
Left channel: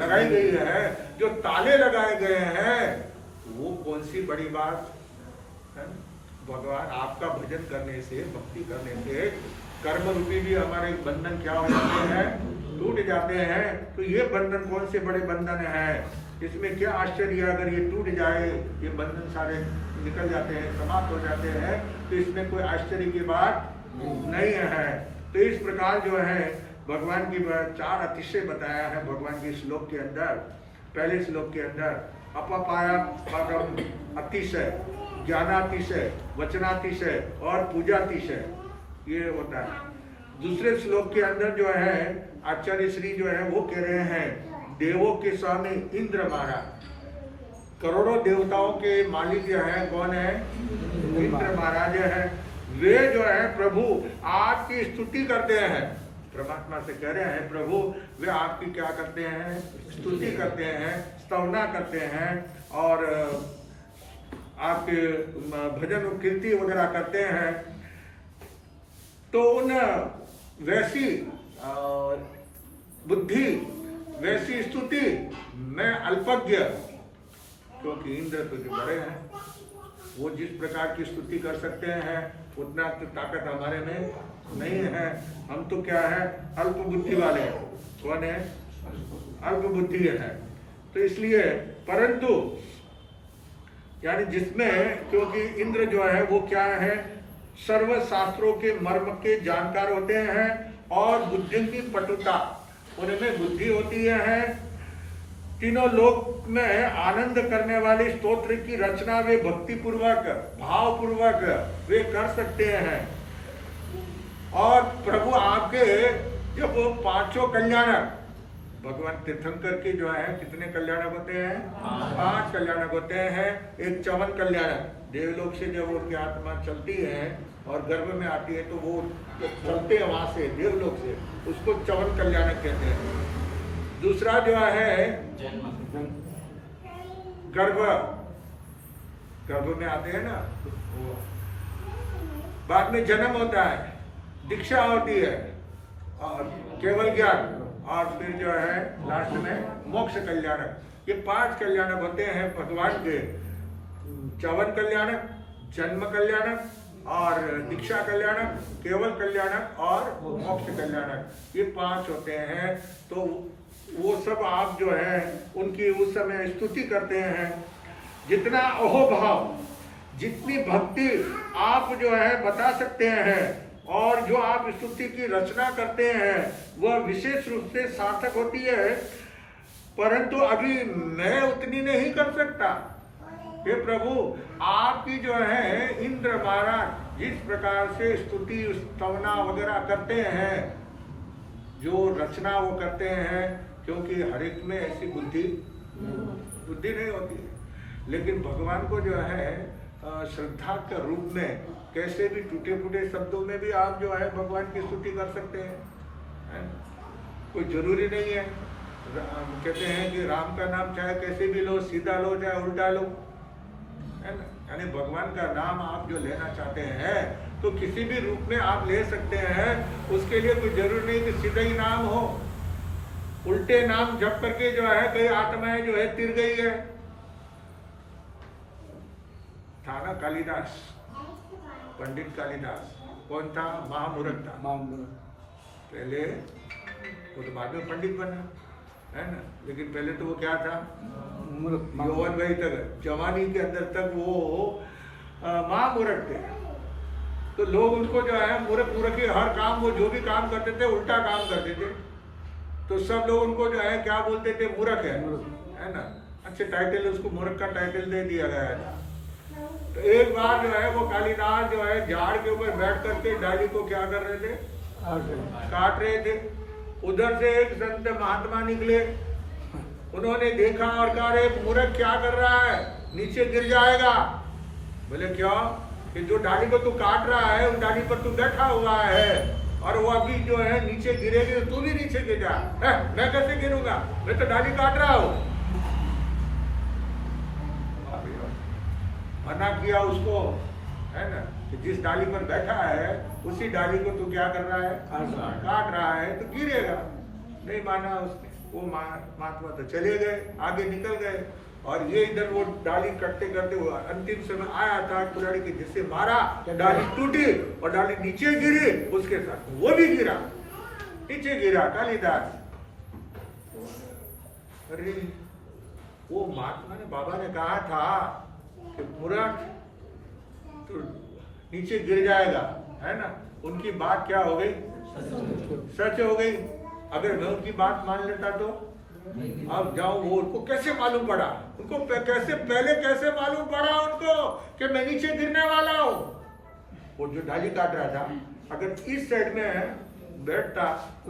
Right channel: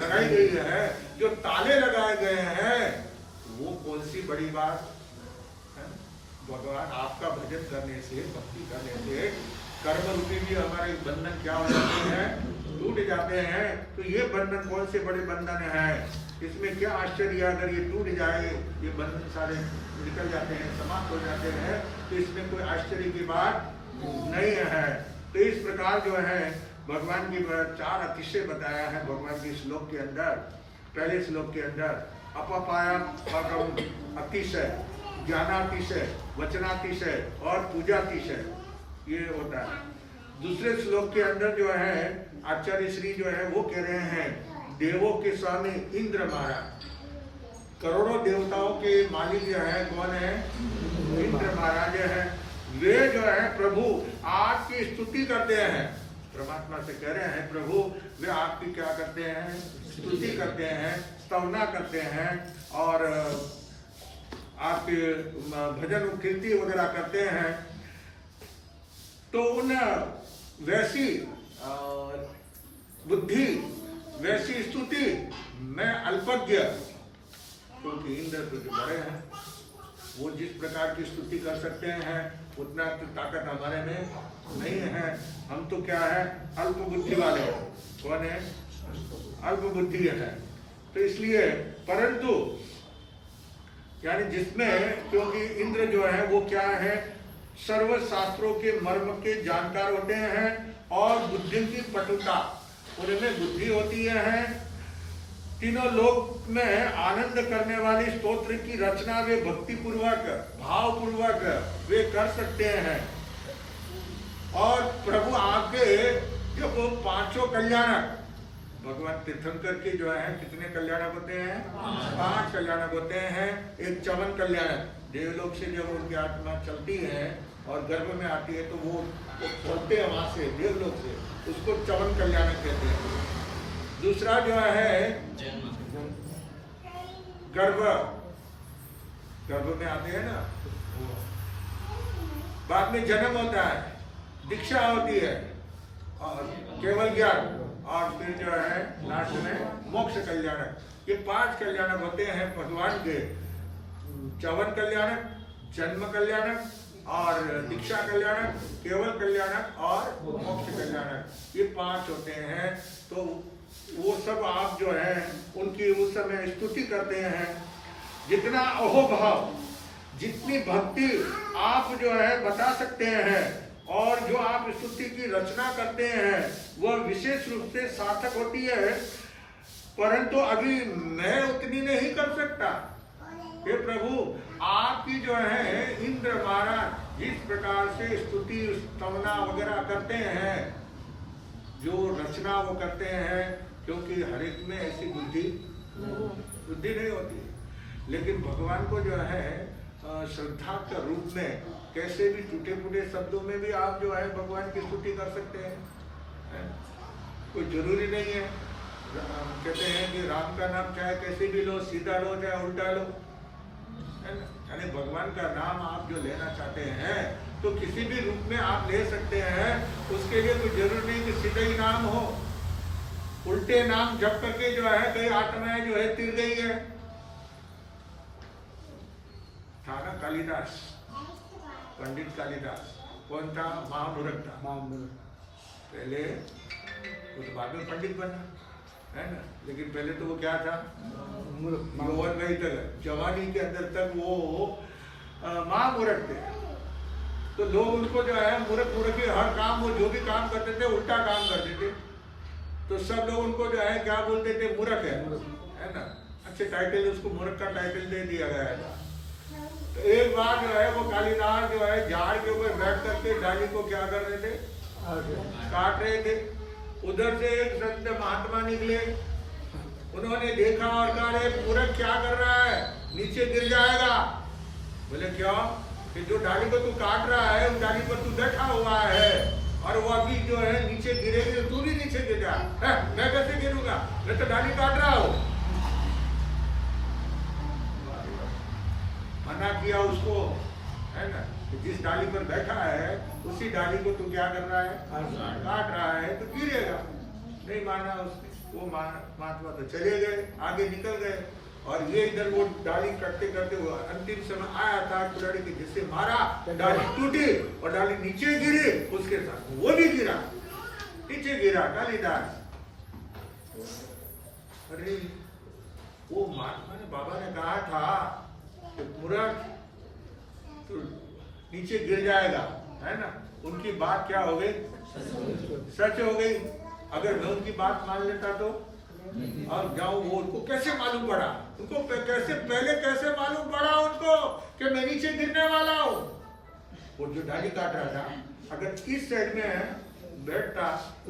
लगाई गई है, जो ताले लगाए गए हैं, वो कौन सी बड़ी बात है? भगवान आपका भजन करने से, भक्ति करने से कर्म रूपी भी हमारे बंधन क्या हो जाते हैं? टूट जाते हैं। तो ये बंधन कौन से बड़े बंधन है? इसमें क्या आश्चर्य, अगर ये टूट जाए, ये बंधन सारे निकल जाते हैं, समाप्त हो जाते हैं, तो इसमें कोई आश्चर्य की बात नहीं है। तो इस प्रकार जो है भगवान की चार अतिशय बताया है भगवान के श्लोक के अंदर। पहले श्लोक के अंदर अपपाया पागम अतिशय, ज्ञानातिशय, वचनातिशय और पूजातिशय, ये होता है। दूसरे श्लोक के अंदर जो है आचार्य श्री जो है वो कह रहे हैं, देवों के स्वामी इंद्र महाराज, करोड़ों देवताओं के मालिक जो है कौन है? इंद्र महाराज है। वे जो है प्रभु आपकी स्तुति करते हैं, परमात्मा से कह रहे हैं प्रभु वे आपकी क्या करते हैं? स्तुति करते हैं, स्तवना करते हैं, और आपके भजन कीर्ति वगैरह करते हैं। तो उन वैसी बुद्धि, वैसी स्तुति मैं अल्पज्ञ, क्योंकि इंद्र तो जो बड़े हैं वो जिस प्रकार की स्तुति कर सकते हैं उतना तो ताकत हमारे में नहीं है। हम तो क्या है? अल्प बुद्धि वाले। कौन है? अल्प बुद्धि है। तो इसलिए परंतु यानी जिसमें, क्योंकि इंद्र जो है वो क्या है, सर्व शास्त्रों के मर्म के जानकार होते हैं और बुद्धि की पटुता उनमें बुद्धि होती है। तीनों लोक में आनंद करने वाली स्तोत्र की रचना वे भक्ति पूर्वक भाव पूर्वक वे कर सकते हैं। और प्रभु आपके जब पांचों कल्याणक, भगवान तीर्थंकर के जो है कितने कल्याणक होते हैं, 5 कल्याणक होते हैं। एक चवन कल्याणक, देवलोक से जब उनकी आत्मा चलती है और गर्भ में आती है तो वो चलते हैं वहां से देवलोक से, उसको चवन कल्याणक कहते हैं। दूसरा जो है गर्भ में आते हैं ना, बाद में जन्म होता है, दीक्षा होती है और केवल ज्ञान, और फिर जो है लास्ट में मोक्ष कल्याणक। ये 5 कल्याणक होते हैं भगवान के, चवन कल्याणक, जन्म कल्याणक और दीक्षा कल्याणक, केवल कल्याणक और मोक्ष कल्याणक, ये 5 होते हैं। तो वो सब आप जो है उनकी उस समय स्तुति करते हैं। जितना अहोभाव, जितनी भक्ति आप जो है बता सकते हैं और जो आप स्तुति की रचना करते हैं वह विशेष रूप से सार्थक होती है। परंतु अभी मैं उतनी नहीं कर सकता। हे प्रभु, आपकी जो है इंद्र महाराज जिस प्रकार से स्तुति स्तवना वगैरह करते हैं, जो रचना वो करते हैं, क्योंकि हर एक में ऐसी बुद्धि नहीं होती है। लेकिन भगवान को जो है श्रद्धा के रूप में कैसे भी टूटे फूटे शब्दों में भी आप जो है भगवान की स्तुति कर सकते हैं। कोई जरूरी नहीं है, कहते हैं कि राम का नाम चाहे कैसे भी लो, सीधा लो चाहे उल्टा लो, है ना। यानी भगवान का नाम आप जो लेना चाहते हैं तो किसी भी रूप में आप ले सकते हैं। उसके लिए कोई जरूरी नहीं कि सीधा ही नाम हो। उल्टे नाम जप करके जो है कई आत्माएं जो है तिर गई है। था ना कालिदास, पंडित कालिदास, कौन था, महामूर्ख था। पहले वो तो बाद में पंडित बना, है ना, लेकिन पहले तो वो क्या था, यौवन वही तक, जवानी के अंदर तक वो महामूर्ख थे। तो लोग उनको जो है मूर्ख ही, हर काम वो जो भी काम करते थे उल्टा काम करते थे, तो सब लोग उनको जो है क्या बोलते थे, मूर्ख है ना। अच्छे टाइटल, उसको मूर्ख का टाइटल दे दिया गया था। तो एक बार जो है वो कालिदास जो है झाड़ के ऊपर बैठ करके डाली को क्या कर रहे थे, काट रहे थे। उधर से एक संत महात्मा निकले, उन्होंने देखा और कहा, अरे मूर्ख क्या कर रहा है, नीचे गिर जाएगा। बोले क्यों, कि जो डाली को तू काट रहा है उस डाली पर तू बैठा हुआ है और वो अभी जो है नीचे गिरेगी तो तू भी नीचे गिर जा। मैं कैसे गिरूंगा, मैं तो डाली काट रहा हूं। मना किया उसको, है ना, कि जिस डाली पर बैठा है उसी डाली को तू क्या कर रहा है, काट रहा है, तो गिरेगा। नहीं माना उसने। वो महात्मा तो चले गए, आगे निकल गए, और ये इधर वो डाली कटते करते वो अंतिम समय आया था, कुल्हाड़ी के जिससे मारा, डाली टूटी और डाली नीचे गिरी, उसके साथ वो भी गिरा, नीचे गिरा कालिदास। अरे वो महात्मा ने, बाबा ने कहा था कि मूर्ख तो नीचे गिर जाएगा, है ना। उनकी बात क्या हो गई, सच हो गई। अगर मैं उनकी बात मान लेता तो अब जाऊं, वो उनको कैसे मालूम पड़ा, उनको कैसे पहले कैसे मालूम पड़ा उनको कि मैं नीचे गिरने वाला हूं। वो जो डाली काट रहा था, अगर इस साइड में बैठता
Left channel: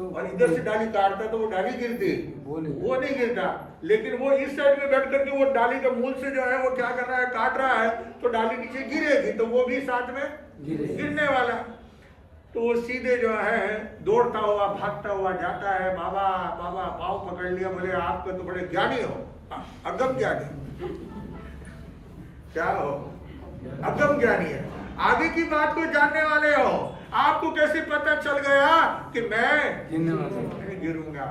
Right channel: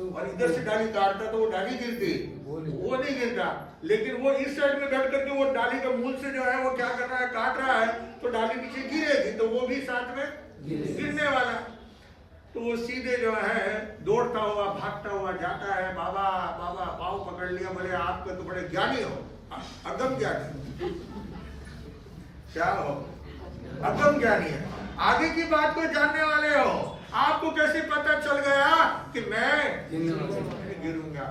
और इधर से डाली काटता तो वो डाली गिरती, वो नहीं गिरता। लेकिन वो इस साइड में बैठ करके वो डाली के मूल से जो है वो क्या कर रहा है, काट रहा है, तो डाली नीचे गिरेगी, तो वो भी साथ में गिरने वाला। तो वो सीधे जो है दौड़ता हुआ भागता हुआ जाता है, बाबा बाबा पाँव पकड़ लिया, बोले आप तो बड़े ज्ञानी हो, अगम ज्ञानी। क्या हो, अगम ज्ञानी है, आगे की बात को जानने वाले हो। आपको कैसे पता चल गया कि मैं गिरूंगा।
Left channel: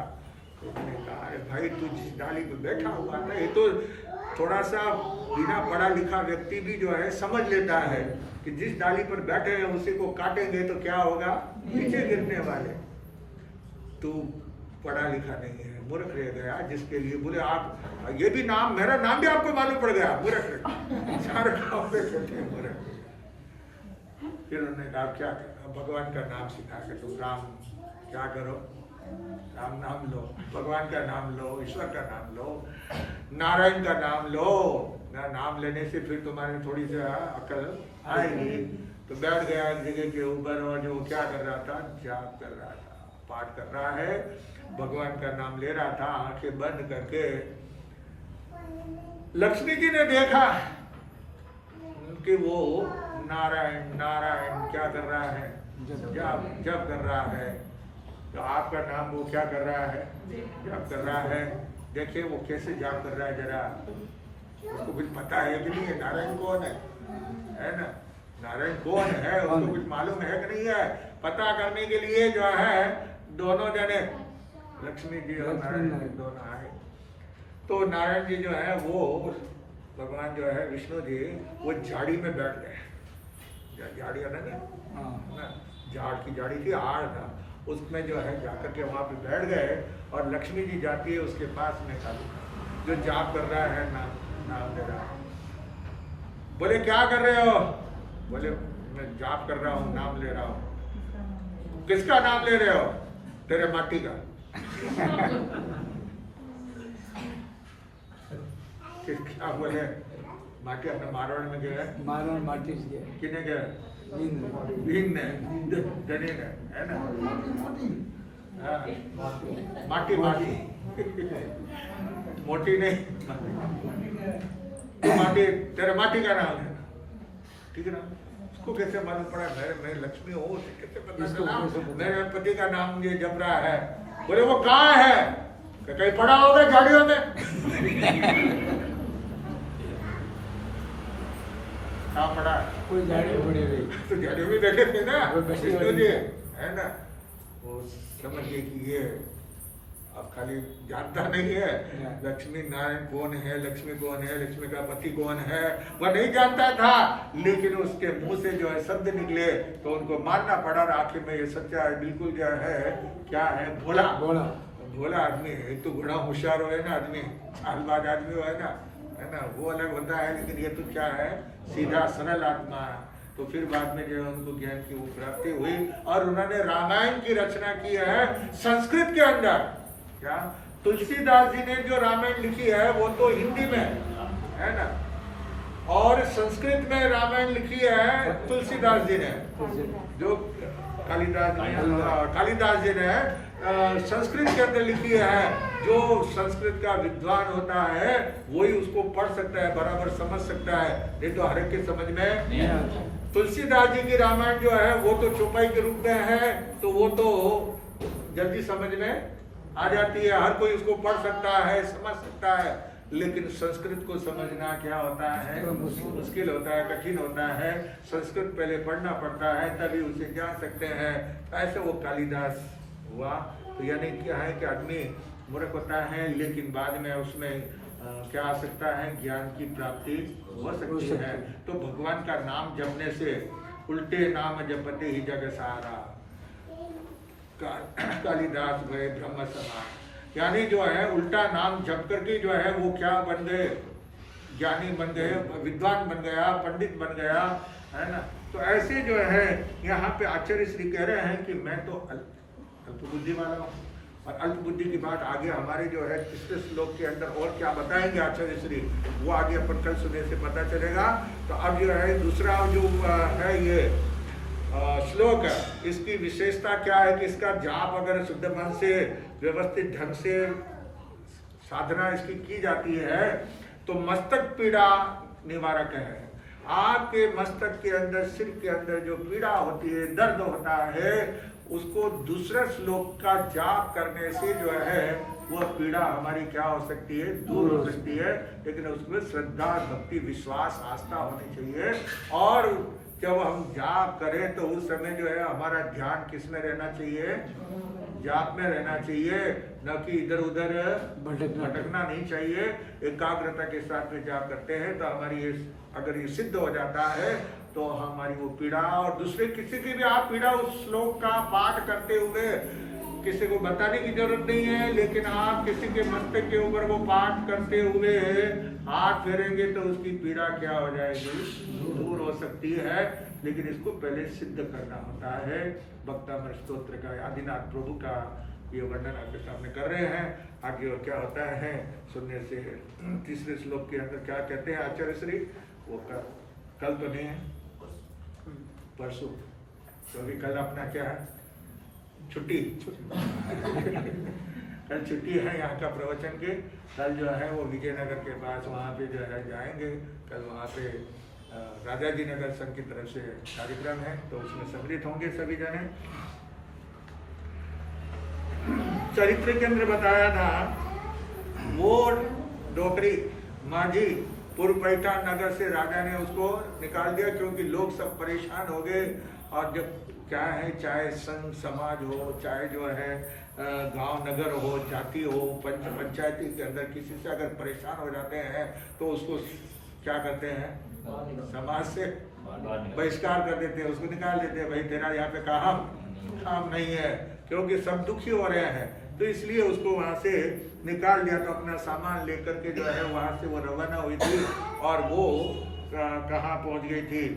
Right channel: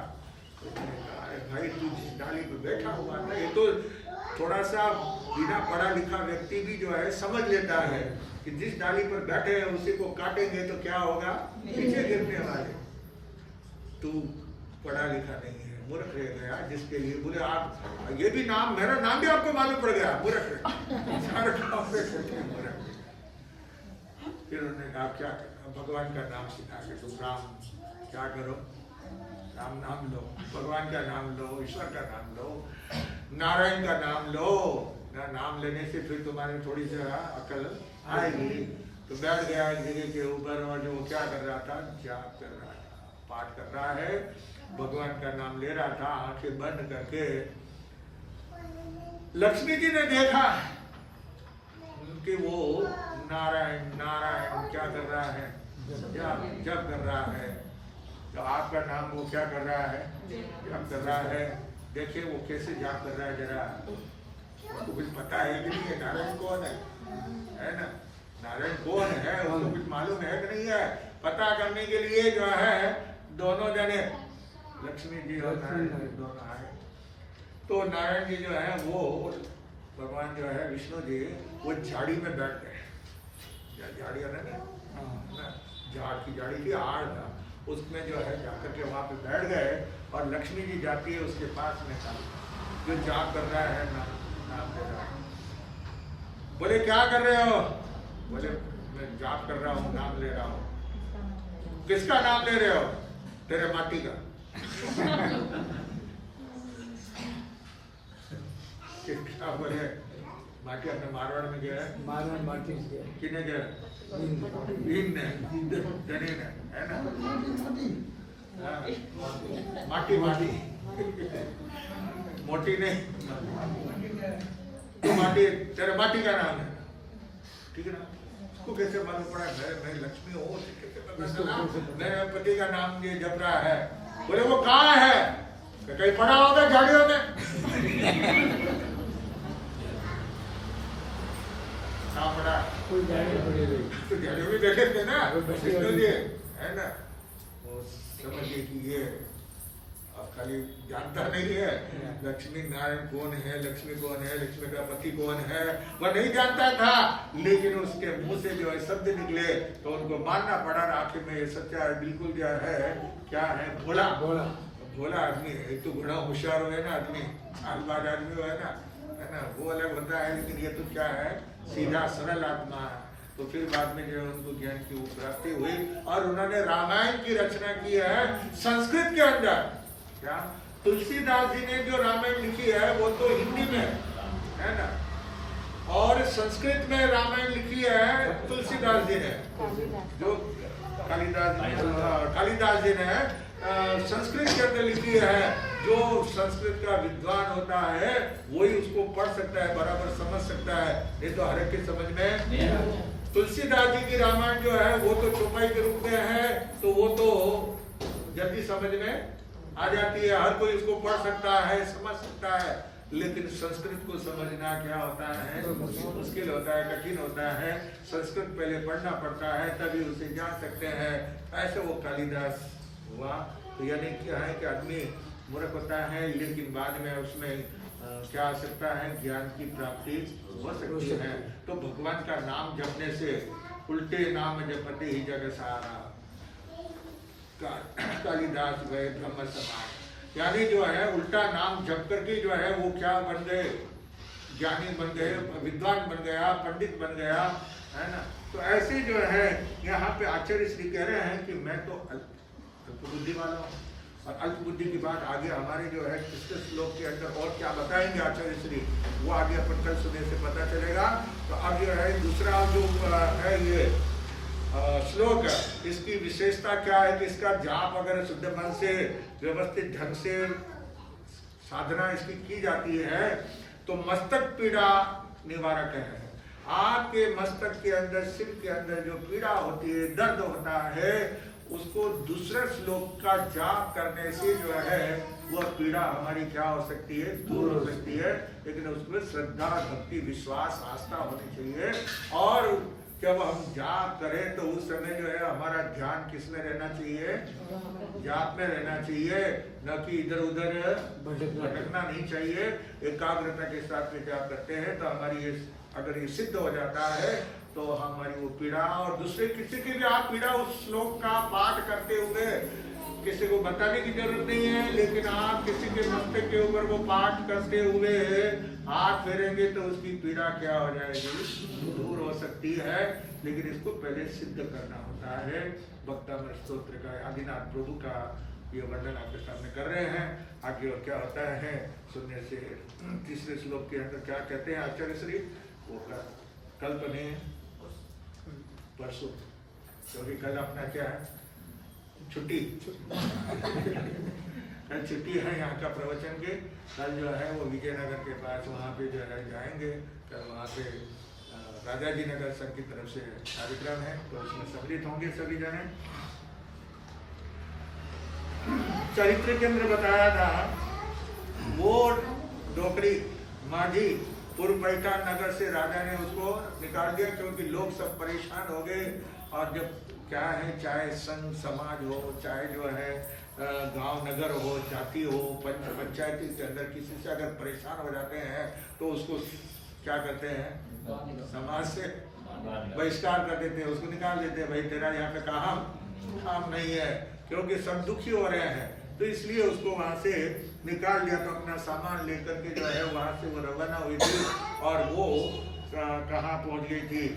तो उसने कहा, अरे भाई तू जिस डाली पे बैठा हुआ था, ये तो थोड़ा सा बिना पढ़ा लिखा व्यक्ति भी जो है समझ लेता है कि जिस डाली पर बैठे हैं उसी को काटेंगे तो क्या होगा, नीचे गिरने वाले। तू पढ़ा लिखा नहीं है, मूर्ख रह गया जिसके लिए बोले आप ये भी नाम, मेरा नाम भी आपको मालूम पड़ गया, मूर्ख रह मूर्ख। फिर उन्होंने कहा क्या करना, भगवान का नाम सिखा के तुम राम क्या करो, राम नाम लो, भगवान का नाम लो, ईश्वर का नाम लो, नारायण का नाम लो ना। नाम लेने से फिर तुम्हारे थोड़ी सी अकल आएगी। तो बैठ गया एक जगह के ऊपर और जो क्या कर रहा था, जाप कर रहा था, पाठ कर रहा है, भगवान का नाम ले रहा था आंखें बंद करके। लक्ष्मी जी ने देखा कि वो नारायण नारायण क्या कर रहा है, जप कर रहा है। तो आपका नाम वो क्या कर रहा है, जप कर रहा है। देखिए वो कैसे जाप कर रहा है, जरा उसको कुछ पता है कि नहीं है नारायण कौन है ना, नारायण कौन है उसको कुछ मालूम है कि नहीं है। पता करने के लिए जो है दोनों जने, लक्ष्मी जी और नारायण जी दोनों आए। तो नारायण जी जो है वो भगवान जो है विष्णु जी वो झाड़ी में बैठ गए। झाड़ी है ना, झाड़ की झाड़ी थी, आड़ था, उसमें जो है जाकर के वहां पे बैठ गए। और लक्ष्मी जी जाती है उसके पास में, जो जाप कर रहा है नाम ले रहा है। बोले क्या कर रहे हो, बोले मैं जाप कर रहा हूँ, नाम ले रहा हूँ। किसका नाम ले रहे हो, तेरे माटी का। क्या बोले, माटी अपने मारवाड़ में गया, माटी किने गया, भीन ने, धनी ने, है ना, माटी माटी मोटी नहीं, तो माटी, तेरे माटी का नाम है, ठीक है ना। उसको कैसे मालूम पड़ा मैं लक्ष्मी हूँ, कैसे पता चला मेरे पति का नाम ये जप रहा है। बोले वो कहाँ है, कहीं पड़ा होगा झाड़ियों में। कहाँ पड़ा, तो झाड़ियों में देखे थे ना विष्णु जी, है ना। वो समझ गए कि ये अब खाली जानता नहीं है लक्ष्मी नारायण कौन है, लक्ष्मी कौन है, लक्ष्मी का पति कौन है, वह नहीं जानता था। लेकिन उसके मुंह से जो है शब्द निकले तो उनको मानना पड़ा। आखिर में ये सच्चा है, बिल्कुल जो है क्या है, भोला भोला आदमी है। एक तो घोड़ा होशियार हो ना आदमी, आलबाज आदमी हो है ना, वो अलग होता है। लेकिन ये तो क्या है, सीधा सरल आत्मा है। तो फिर बाद में जो है उनको ज्ञान की वो प्राप्ति हुई और उन्होंने रामायण की रचना की है संस्कृत के अंदर। क्या तुलसीदास जी ने जो रामायण लिखी है वो तो हिंदी में है ना, और संस्कृत में रामायण लिखी है तुलसीदास जी ने, जो कालिदास जी ने संस्कृत के अंदर लिखी है। जो संस्कृत का विद्वान होता है वही उसको पढ़ सकता है, बराबर समझ सकता है, नहीं तो हर एक के समझ में। तुलसीदास जी की रामायण जो है वो तो चौपाई के रूप में है, तो वो तो जल्दी समझ में आ जाती है, हर कोई उसको पढ़ सकता है, समझ सकता है। लेकिन संस्कृत को समझना क्या होता है, मुश्किल होता है, कठिन होता है। संस्कृत पहले पढ़ना पड़ता है तभी उसे जान सकते हैं। ऐसे वो कालिदास हुआ। तो यानी क्या है कि आदमी मूर्ख होता है लेकिन बाद में उसमें क्या आ सकता है, ज्ञान की प्राप्ति हो सकती है। तो भगवान का नाम जपने से उल्टे नाम जपते ही जग सारा, कालिदास भय ब्रह्म समान। यानी जो है उल्टा नाम जप करके जो है वो क्या बन गए, ज्ञानी बन गए, विद्वान बन गया, पंडित बन गया, है ना। तो ऐसे जो है यहाँ पे आचार्य श्री कह रहे हैं कि मैं तो अल्प बुद्धि वाला हूँ। और अल्प बुद्धि की बात आगे हमारे जो है तीसरे श्लोक के अंदर और क्या बताएंगे आचार्य श्री, वो आगे अपन कल सुनने से पता चलेगा। तो अब जो है दूसरा जो है ये श्लोक है, इसकी विशेषता क्या है कि इसका जाप अगर शुद्ध मन से व्यवस्थित ढंग से साधना इसकी की जाती है तो मस्तक पीड़ा निवारक है। आपके मस्तक के अंदर, सिर के अंदर जो पीड़ा होती है, दर्द होता है, उसको दूसरे श्लोक का जाप करने से जो है वह पीड़ा हमारी क्या हो सकती है, दूर हो सकती है। लेकिन उसमें श्रद्धा, भक्ति, विश्वास, आस्था होनी चाहिए। और जब हम जाप करें तो उस समय जो है हमारा ध्यान किस में रहना चाहिए, जाप में रहना चाहिए, न कि इधर उधर भटकना नहीं चाहिए। एकाग्रता के साथ में जाप करते हैं तो हमारी ये अगर ये सिद्ध हो जाता है तो हमारी वो पीड़ा और दूसरे किसी की भी आप पीड़ा उस श्लोक का पाठ करते हुए किसी को बताने की जरूरत नहीं है, लेकिन आप किसी के मस्तक के ऊपर वो पाठ करते हुए हाथ फेरेंगे तो उसकी पीड़ा क्या हो जाएगी, दूर हो सकती है। लेकिन इसको पहले सिद्ध करना होता है। भक्तामृत स्तोत्र का आदिनाथ प्रभु का ये वर्णन आपके सामने कर रहे हैं। आगे और क्या होता है सुनने से। तीसरे श्लोक के अंदर क्या कहते हैं आचार्य श्री, वो कल तो नहीं है, परसों, क्योंकि कल अपना क्या है, छुट्टी कल छुट्टी है यहाँ का प्रवचन के। कल जो है वो विजयनगर के पास वहाँ पे जो है जाएंगे। कल वहाँ पे राजा जी नगर संघ की तरफ से कार्यक्रम है, तो उसमें सम्मिलित होंगे सभी जने। चरित्र के अंदर बताया था वो डोकरी माझी पूर्व पैठान नगर से राजा ने उसको निकाल दिया, क्योंकि लोग सब परेशान हो गए। और जब क्या है, चाहे संघ समाज हो, चाहे जो है गांव नगर हो, जाति हो, पंचायती के अंदर किसी से अगर परेशान हो जाते हैं तो उसको क्या करते हैं, समाज से बहिष्कार कर देते हैं, उसको निकाल देते हैं। भाई तेरा यहाँ पे काम नहीं है, क्योंकि सब दुखी हो रहे हैं। तो इसलिए उसको वहां से निकाल दिया। तो अपना सामान लेकर के जो है वहां से वो रवाना हुई थी। और वो कहाँ पहुंच गई थी,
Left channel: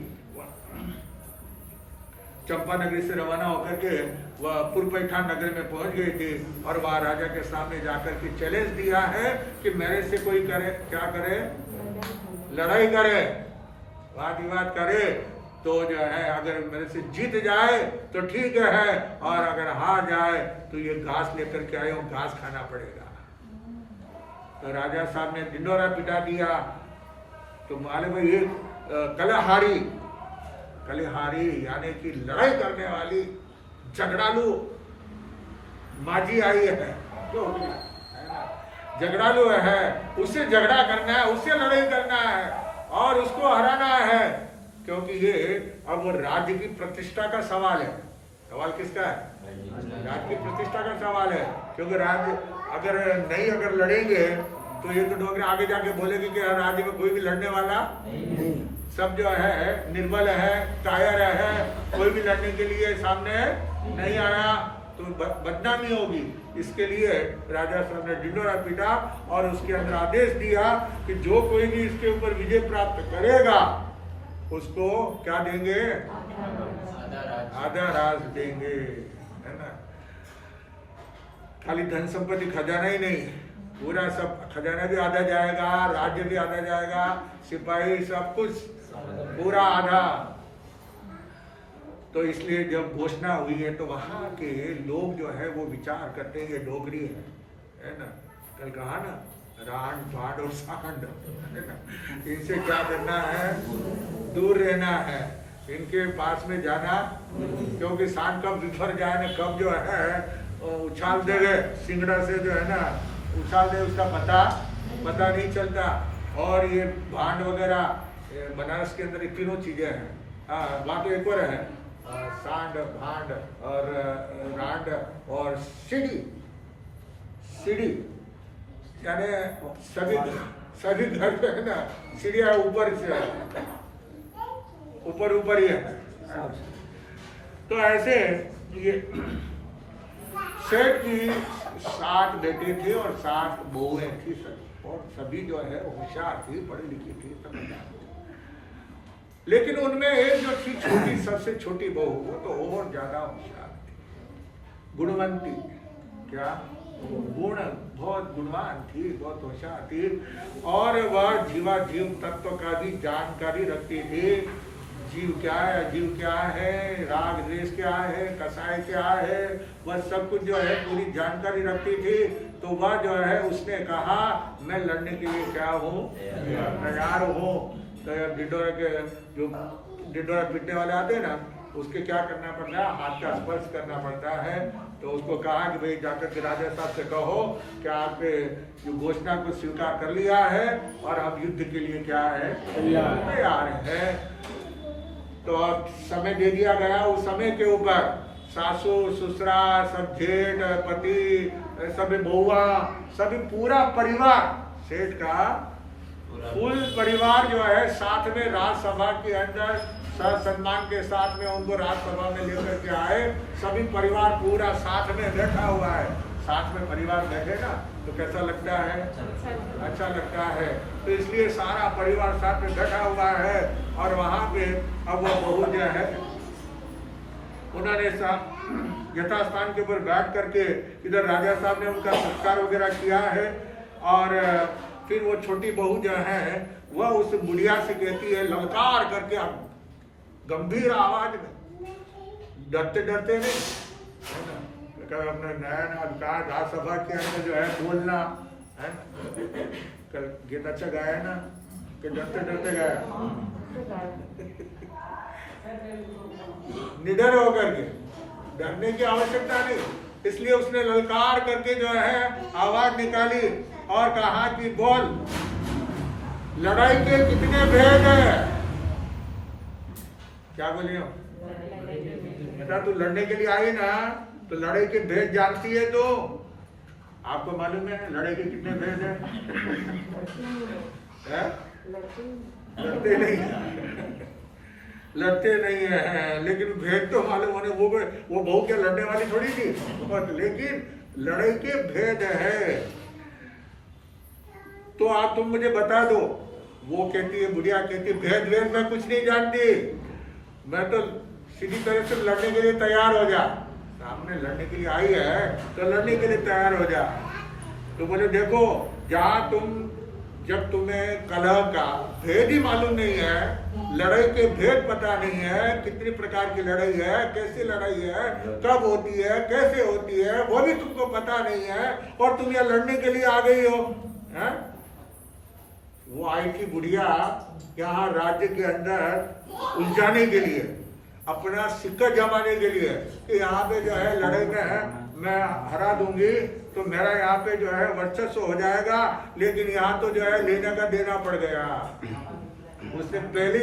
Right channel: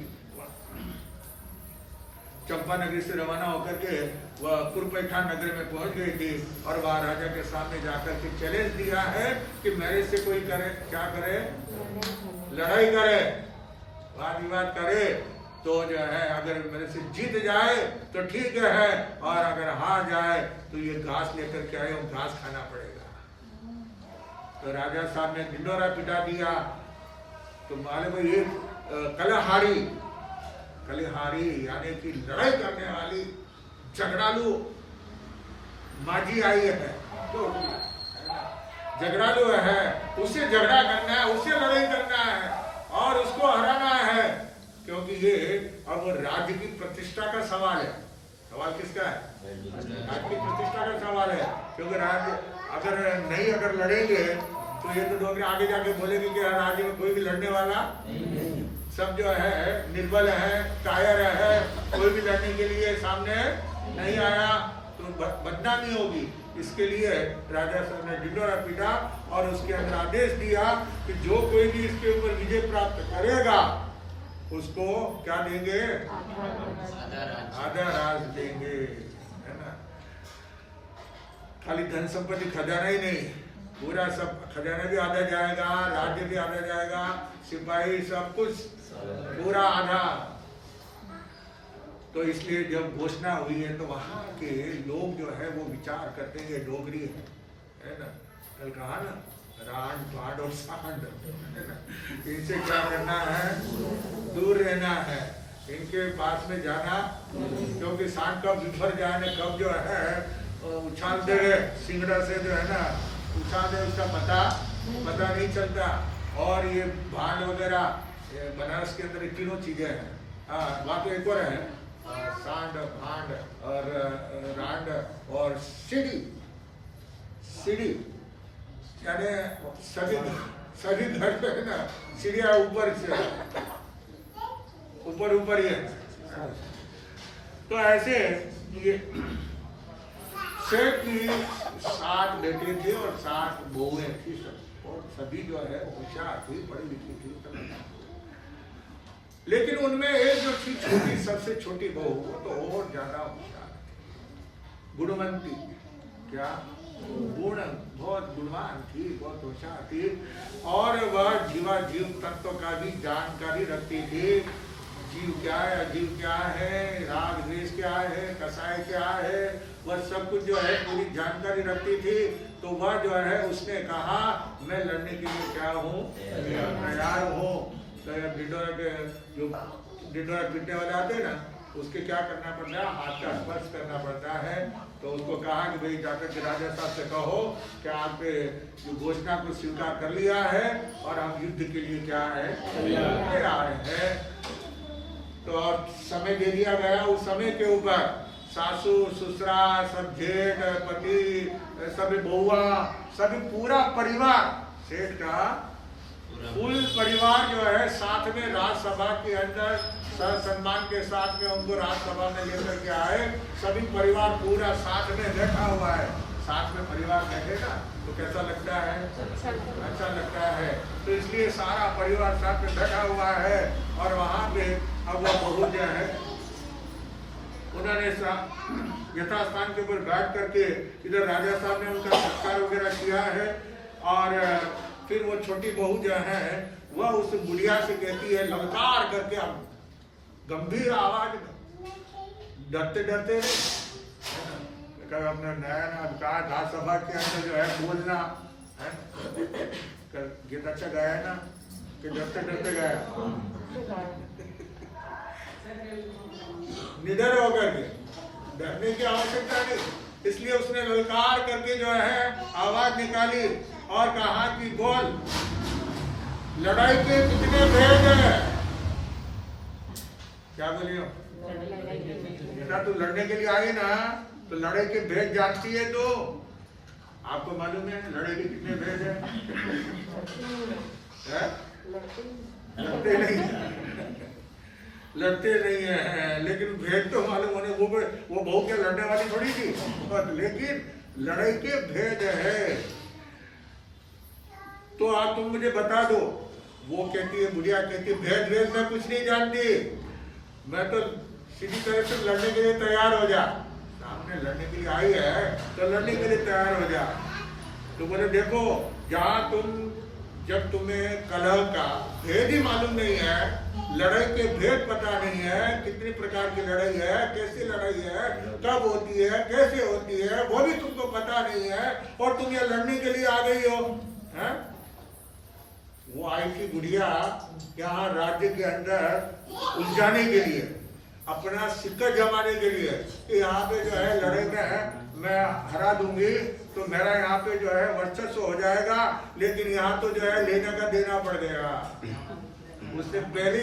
चंपानगरी से रवाना होकर के वह पूर्वपैठान नगर में पहुंच गई थी। और वहां राजा के सामने जाकर के चैलेंज दिया है कि मेरे से कोई करे, क्या करे, लड़ाई करे, वाद विवाद करे, तो जो है अगर मेरे से जीत जाए तो ठीक है, और अगर हार जाए तो ये घास लेकर के आए, घास खाना पड़ेगा। तो राजा साहब ने ढिंडोरा पिटा दिया। तो मालूम है ये कलहारी यानी कि लड़ाई करने वाली झगड़ालू माझी आई है, तो है ना, झगड़ालू है, उससे झगड़ा करना है, उससे लड़ाई करना है और उसको हराना है। क्योंकि ये अब राज्य की प्रतिष्ठा का सवाल है। सवाल किसका है, राज्य की प्रतिष्ठा का सवाल है। क्योंकि राज्य अगर लड़ेंगे तो ये तो डोगरे आगे जाके बोलेंगे कि राज्य में कोई भी लड़ने वाला सब जो है निर्बल है, कायर है, कोई भी लड़ने के लिए सामने नहीं आया, तो बदनामी होगी। इसके लिए राजा साहब ने ढिंडोरा पीटा और उसके अंदर आदेश दिया कि जो कोई भी इसके ऊपर विजय प्राप्त करेगा उसको क्या देंगे, आधा राज देंगे, है ना। खाली धन संपत्ति खजाना ही नहीं, पूरा सब खजाना भी आधा जाएगा, राज्य भी आधा जाएगा, सिपाही सब कुछ पूरा आधा। तो इसलिए जब घोषणा हुई है तो वहां के लोग जो है वो विचार करते हैं ये डोगरी है ना। कल कहा ना, रांड भांड और सांड, है ना, इनसे क्या करना है, दूर रहना है, इनके पास में जाना। क्योंकि सांड कब बिफर जाए ना, कब जो है उछाल दे गए सिंगड़ा से जो है ना, उछाल दे, उसका पता नहीं चलता। और ये भांड वगैरह बनारस के अंदर तीनों चीजें हैं। हाँ, वहाँ तो एक और है, सांड, भांड और रांड और सीढ़ी, यानी सभी घर पे है ना सीढ़ियाँ ऊपर ही है। तो ऐसे ये सेठ की 7 बेटी थी और 7 बहुएं थी सब, और सभी जो है होशियार थी, पढ़ी लिखी थी, समझदार। लेकिन उनमें एक जो थी छोटी, सबसे छोटी बहू, वो तो और ज्यादा होशियार थी, गुणवंती, क्या गुण, बहुत गुणवान थी, बहुत होशियार थी। और वह जीव तत्व का भी जानकारी रखती थी। जीव क्या है, अजीव क्या है, राग द्वेष क्या है, कसाय क्या है, वह सब कुछ जो है पूरी जानकारी रखती थी। तो वह जो है उसने कहा मैं लड़ने के लिए क्या हूँ, तैयार हूँ। तो ढिंडोरा के जो ढिंडोरा पीटने वाले आते हैं ना, उसके क्या करना पड़ता है, हाथ का स्पर्श करना पड़ता है। तो उसको कहा कि भाई जाकर के राजा साहब से कहो कि आपके जो घोषणा को स्वीकार कर लिया है और हम युद्ध के लिए क्या है, तैयार है। तो समय दे दिया गया। उस समय के ऊपर सासू ससुरा सब, जेठ पति, सभी बहुआ, सभी पूरा परिवार सेठ का फुल परिवार जो है साथ में राज्यसभा के अंदर सम्मान के साथ में उनको राज्यसभा में लेकर के आए। सभी परिवार पूरा साथ में बैठा हुआ है। साथ में परिवार बैठे ना तो कैसा लगता है? अच्छा लगता है। तो इसलिए सारा परिवार साथ में बैठा हुआ है और वहाँ पे अब वो बहू जो है उन्होंने यथास्थान के ऊपर बैठ करके इधर राजा साहब ने उनका सत्कार वगैरह किया है। और फिर वो छोटी बहू जो है वह उस बुढ़िया से कहती है, ललकार करके गंभीर आवाज में, डरते डरते नहीं है ना, अपने नया अधिकार राज्यसभा के अंदर जो है बोलना है ना। कल गीत अच्छा गाया है ना कि डरते डरते गाया, निडर होकर के, डरने की आवश्यकता नहीं। इसलिए उसने ललकार करके जो है आवाज निकाली और कहा कि बोल, लड़ाई के कितने भेद है? क्या बोली हो बेटा? तू लड़ने के लिए आई ना, तो लड़ाई के भेद जानती है? तो आपको मालूम है लड़ाई के कितने भेद है? लड़ते नहीं लड़ते नहीं है, लेकिन भेद तो मालूम होने। वो बहू क्या लड़ने वाली थोड़ी थी, लेकिन लड़ाई के भेद है। तो आप तुम मुझे बता दो। वो कहती है, बुढ़िया कहती है, भेद भेद मैं कुछ नहीं जानती, मैं तो सीधी तरह से लड़ने के लिए तैयार हो जा। सामने लड़ने के लिए आई है तो लड़ने के लिए तैयार हो जा। तो बोले देखो, जब तुम्हें कलह का भेद ही मालूम नहीं है, लड़ाई के भेद पता नहीं है, कितनी प्रकार की लड़ाई है, कैसी लड़ाई है, कब होती है, कैसे होती है, वो भी तुमको पता नहीं है, और तुम यहाँ लड़ने के लिए आ गई हो है? वो आई थी बुढ़िया यहाँ राज्य के अंदर उलझाने के लिए, अपना सिक्का जमाने के लिए कि यहाँ पे जो है लड़ाई में मैं हरा दूंगी तो मेरा यहाँ पे जो है वर्चस्व हो जाएगा। लेकिन यहाँ तो जो है लेने का देना पड़ गया। उसने पहले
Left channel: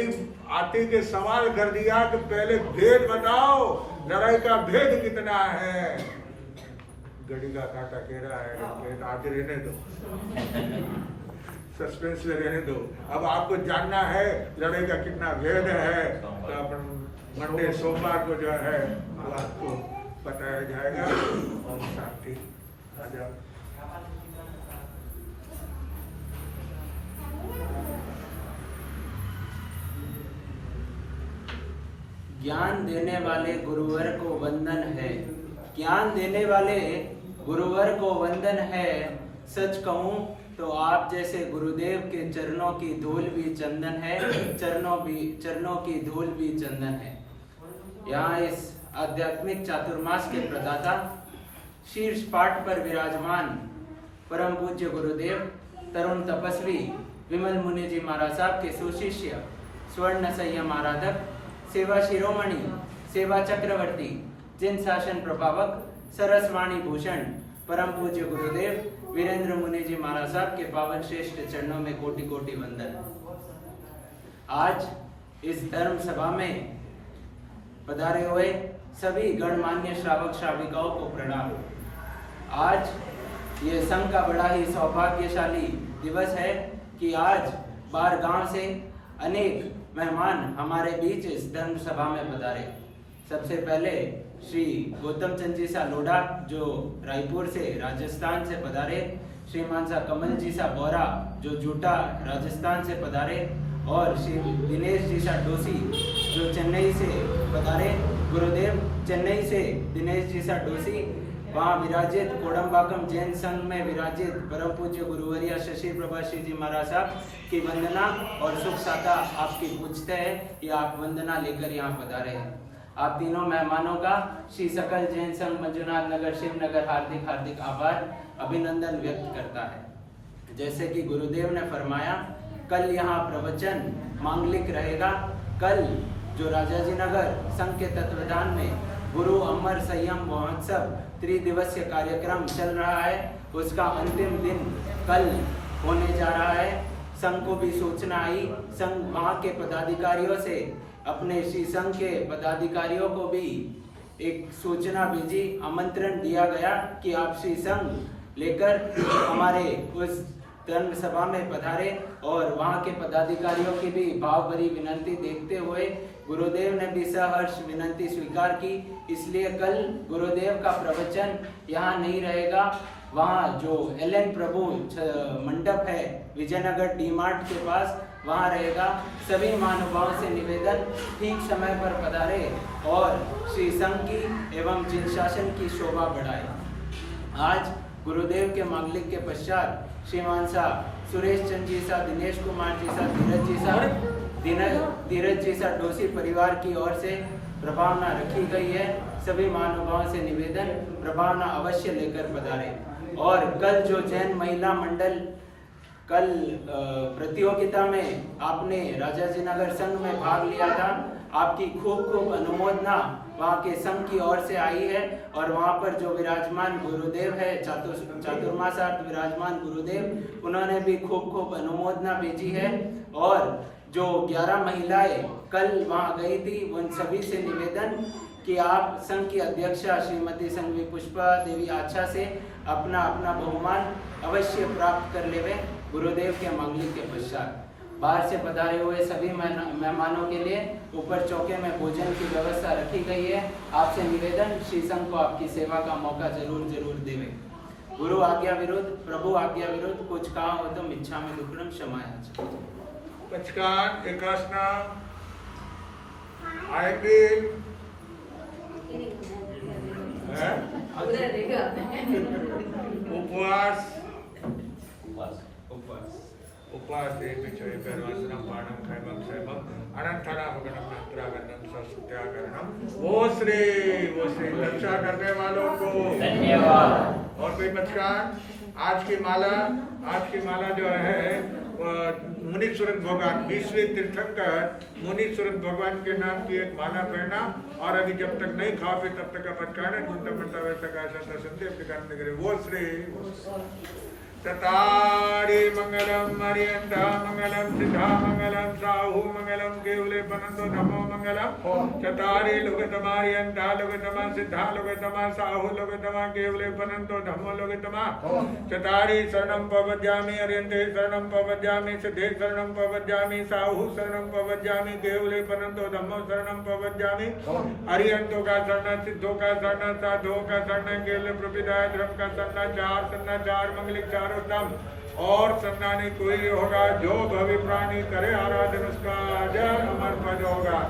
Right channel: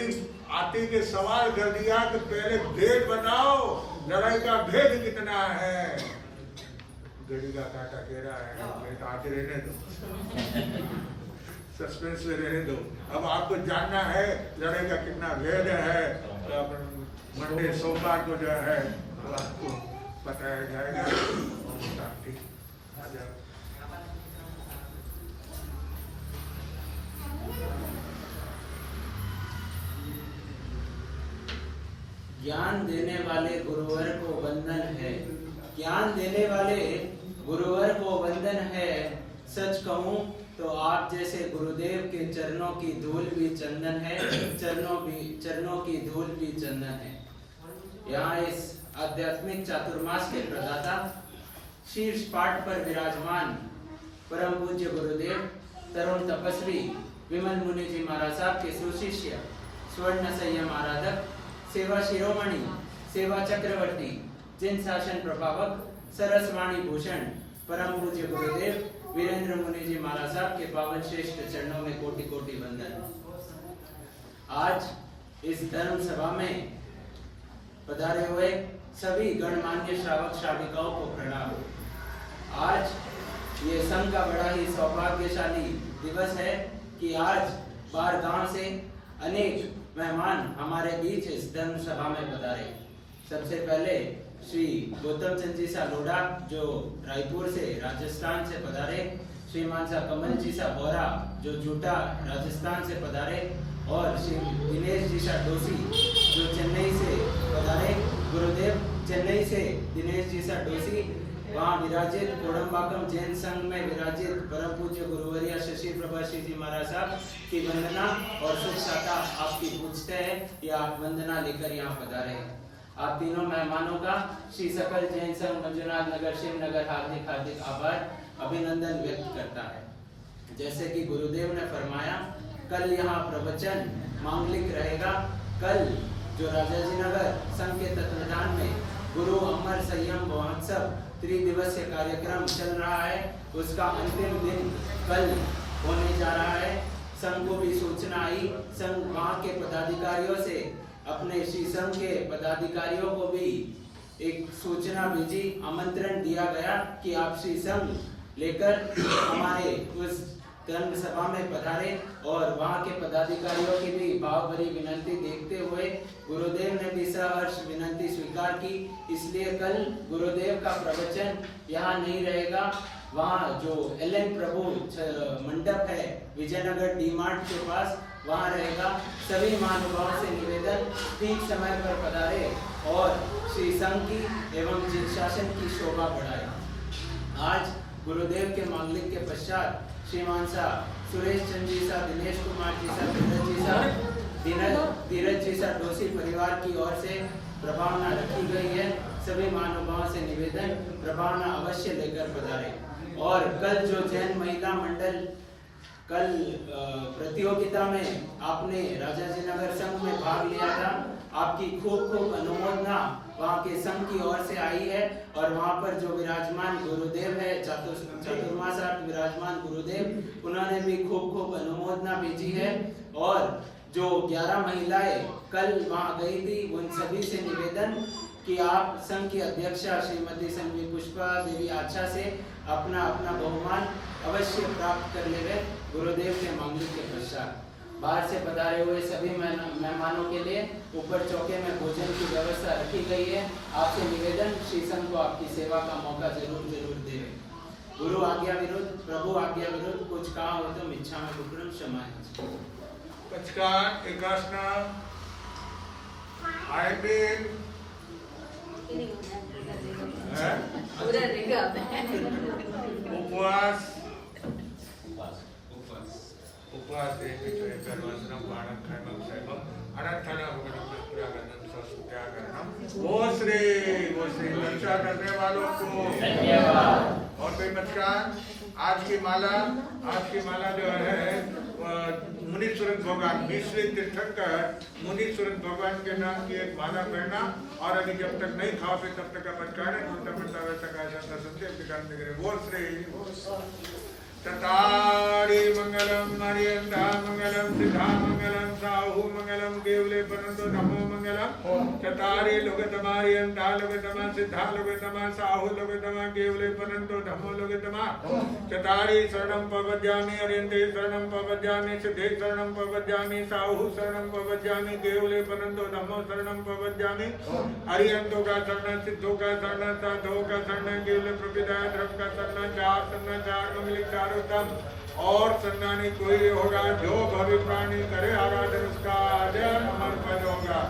आते के सवाल कर दिया कि पहले भेद बताओ, लड़ाई का भेद कितना है? गड़ी का कांटा कह रहा है भेद आज रहने दो, सस्पेंस में रहने दो। अब आपको जानना है लड़ाई का कितना भेद है, तो अपन मंडे सोमवार को जो है वो आपको बताया जाएगा। ओम शांति। आजा। ज्ञान देने वाले गुरुवर को वंदन है, ज्ञान देने वाले गुरुवर को वंदन है। सच कहूं तो आप जैसे गुरुदेव के चरणों की धूल भी चंदन है, चरणों की धूल भी चंदन है। यहाँ इस आध्यात्मिक चातुर्मास के प्रदाता, शीर्ष पाठ पर विराजमान परम पूज्य गुरुदेव तरुण तपस्वी विमल मुनि जी महाराज साहब के सुशिष्य, स्वर्ण संयम आराधक, सेवा शिरोमणि, सेवा चक्रवर्ती, जिन शासन प्रभावक, सरसवाणी भूषण परम पूज्य गुरुदेव वीरेंद्र मुनि जी महाराज साहब के पावन श्रेष्ठ चरणों में कोटि कोटि वंदन। आज इस धर्म सभा में पधारे हुए सभी गणमान्य श्रावक श्राविकाओं को प्रणाम। आज ये संघ का बड़ा ही सौभाग्यशाली दिवस है कि आज बाहर गांव से अनेक मेहमान हमारे बीच इस धर्म सभा में पधारे। सबसे पहले श्री गौतम चंद जी सा लोढ़ा जो रायपुर से राजस्थान से पधारे, श्रीमान सा कमल जी सा बोरा जो जूटा राजस्थान से पधारे, और श्री दिनेश जी सा डोसी जो चेन्नई से पधारे। गुरुदेव चेन्नई से दिनेश जी सा डोसी वहाँ विराजित कोडम्बाकम जैन संघ में विराजित परम पूज्य गुरुवर्य शशि प्रभा श्री जी महाराज साहब की वंदना और शुभ शाखा आपकी पूछते हैं कि आप वंदना लेकर यहाँ पधारे हैं। आप तीनों मेहमानों का श्री सकल जैन संघ मंजुनाथ नगर शिवनगर हार्दिक हार्दिक आभार अभिनंदन व्यक्त करता है। जैसे कि गुरुदेव ने फरमाया, कल यहाँ प्रवचन मांगलिक रहेगा। कल जो राजाजी नगर संघ के तत्वाधान में गुरु अमर संयम महोत्सव त्रिदिवसीय कार्यक्रम चल रहा है, उसका अंतिम दिन कल होने जा रहा है। संघ को भी सूचना आई, संघ वहाँ के पदाधिकारियों से अपने श्री संघ के पदाधिकारियों को भी एक सूचना भेजी, आमंत्रण दिया गया कि आप श्री संघ लेकर हमारे उस धर्म सभा में पधारे और वहाँ के पदाधिकारियों की भी भाव भरी विनती देखते हुए गुरुदेव ने भी सहर्ष विनती स्वीकार की। इसलिए कल गुरुदेव का प्रवचन यहाँ नहीं रहेगा, वहाँ जो एल.एन. प्रभु मंडप है विजयनगर डी मार्ट के पास, वहाँ रहेगा। सभी महानुभावों से निवेदन ठीक समय पर पधारे और श्री संघ की एवं जिन शासन की शोभा बढ़ाए। आज गुरुदेव के मांगलिक के पश्चात श्रीमान साहब सुरेश चंद्र जी साहब, दिनेश कुमार जी साहब, धीरज जी साहब, धीरज जी साहब डोसी परिवार की ओर से प्रभावना रखी गई है। सभी महानुभावों से निवेदन प्रभावना अवश्य लेकर पधारे। और कल जो जैन महिला मंडल कल प्रतियोगिता में आपने राजाजी नगर संघ में भाग लिया था, आपकी खूब खूब अनुमोदना वहाँ के संघ की ओर से आई है। और वहाँ पर जो विराजमान गुरुदेव है चातुर्मासार्थ विराजमान गुरुदेव, उन्होंने भी खूब खूब अनुमोदना भेजी है। और जो 11 महिलाएं कल वहाँ गई थी, उन सभी से निवेदन कि आप संघ की अध्यक्षा श्रीमती संघवी पुष्पा देवी आच्छा से अपना अपना बहुमान अवश्य प्राप्त कर लेवे गुरुदेव के मांगलिक के पश्चात। बाहर से पधारे हुए सभी मेहमानों के लिए ऊपर चौके में भोजन की व्यवस्था रखी गई है। आपसे निवेदन श्री संघ को आपकी सेवा का मौका जरूर जरूर देवे। गुरु आज्ञा विरुद्ध प्रभु आज्ञा विरुद्ध कुछ काम हो तो इच्छा में दुक्कड़म क्षमाया। पचकान एकासना आयबिल उपवास उपवास पिछोय परवासनम पाणम खैमम सैमम अनंतरा भगनम नत्रागनम ससुत्याकरणम। वो श्री रक्षा करने वालों को धन्यवाद। और कोई मचकान आज की माला जो है मुनीश्वरन भगवान 20वें तीर्थंकर मुनीश्वरन भगवान के नाम की एक माला पहना। और अभी जब तक नहीं खा पे तब तक का पचकान है वैसा का संदेश वो श्री चतारी मंगलम मरियंदा मंगलम सिद्धा मंगलम साहू मंगलम केवले पनंतो धमो मंगलम। चतारी लोगतमा रियंदा लोगतमा सिद्धा लोगतमा साहू लोगतमा केवले पनंतो धमो लोगतमा। चतारी शरणम पवज्यामि अरियंते शरणम पवज्यामि सिद्धे शरणम पवज्यामि साहू शरणम पवज्यामि केवले पनंतो धमो शरणम पवज्यामि। अरियंतों का शरण, सिद्धों का शरण, साधुओं का शरण, केवल प्रपिदाय धर्म का शरण, चार मंगलिक उत्तम। और सन्नानी कोई होगा जो भवि प्राणी करे आराधन उसका अजर अमर पद होगा।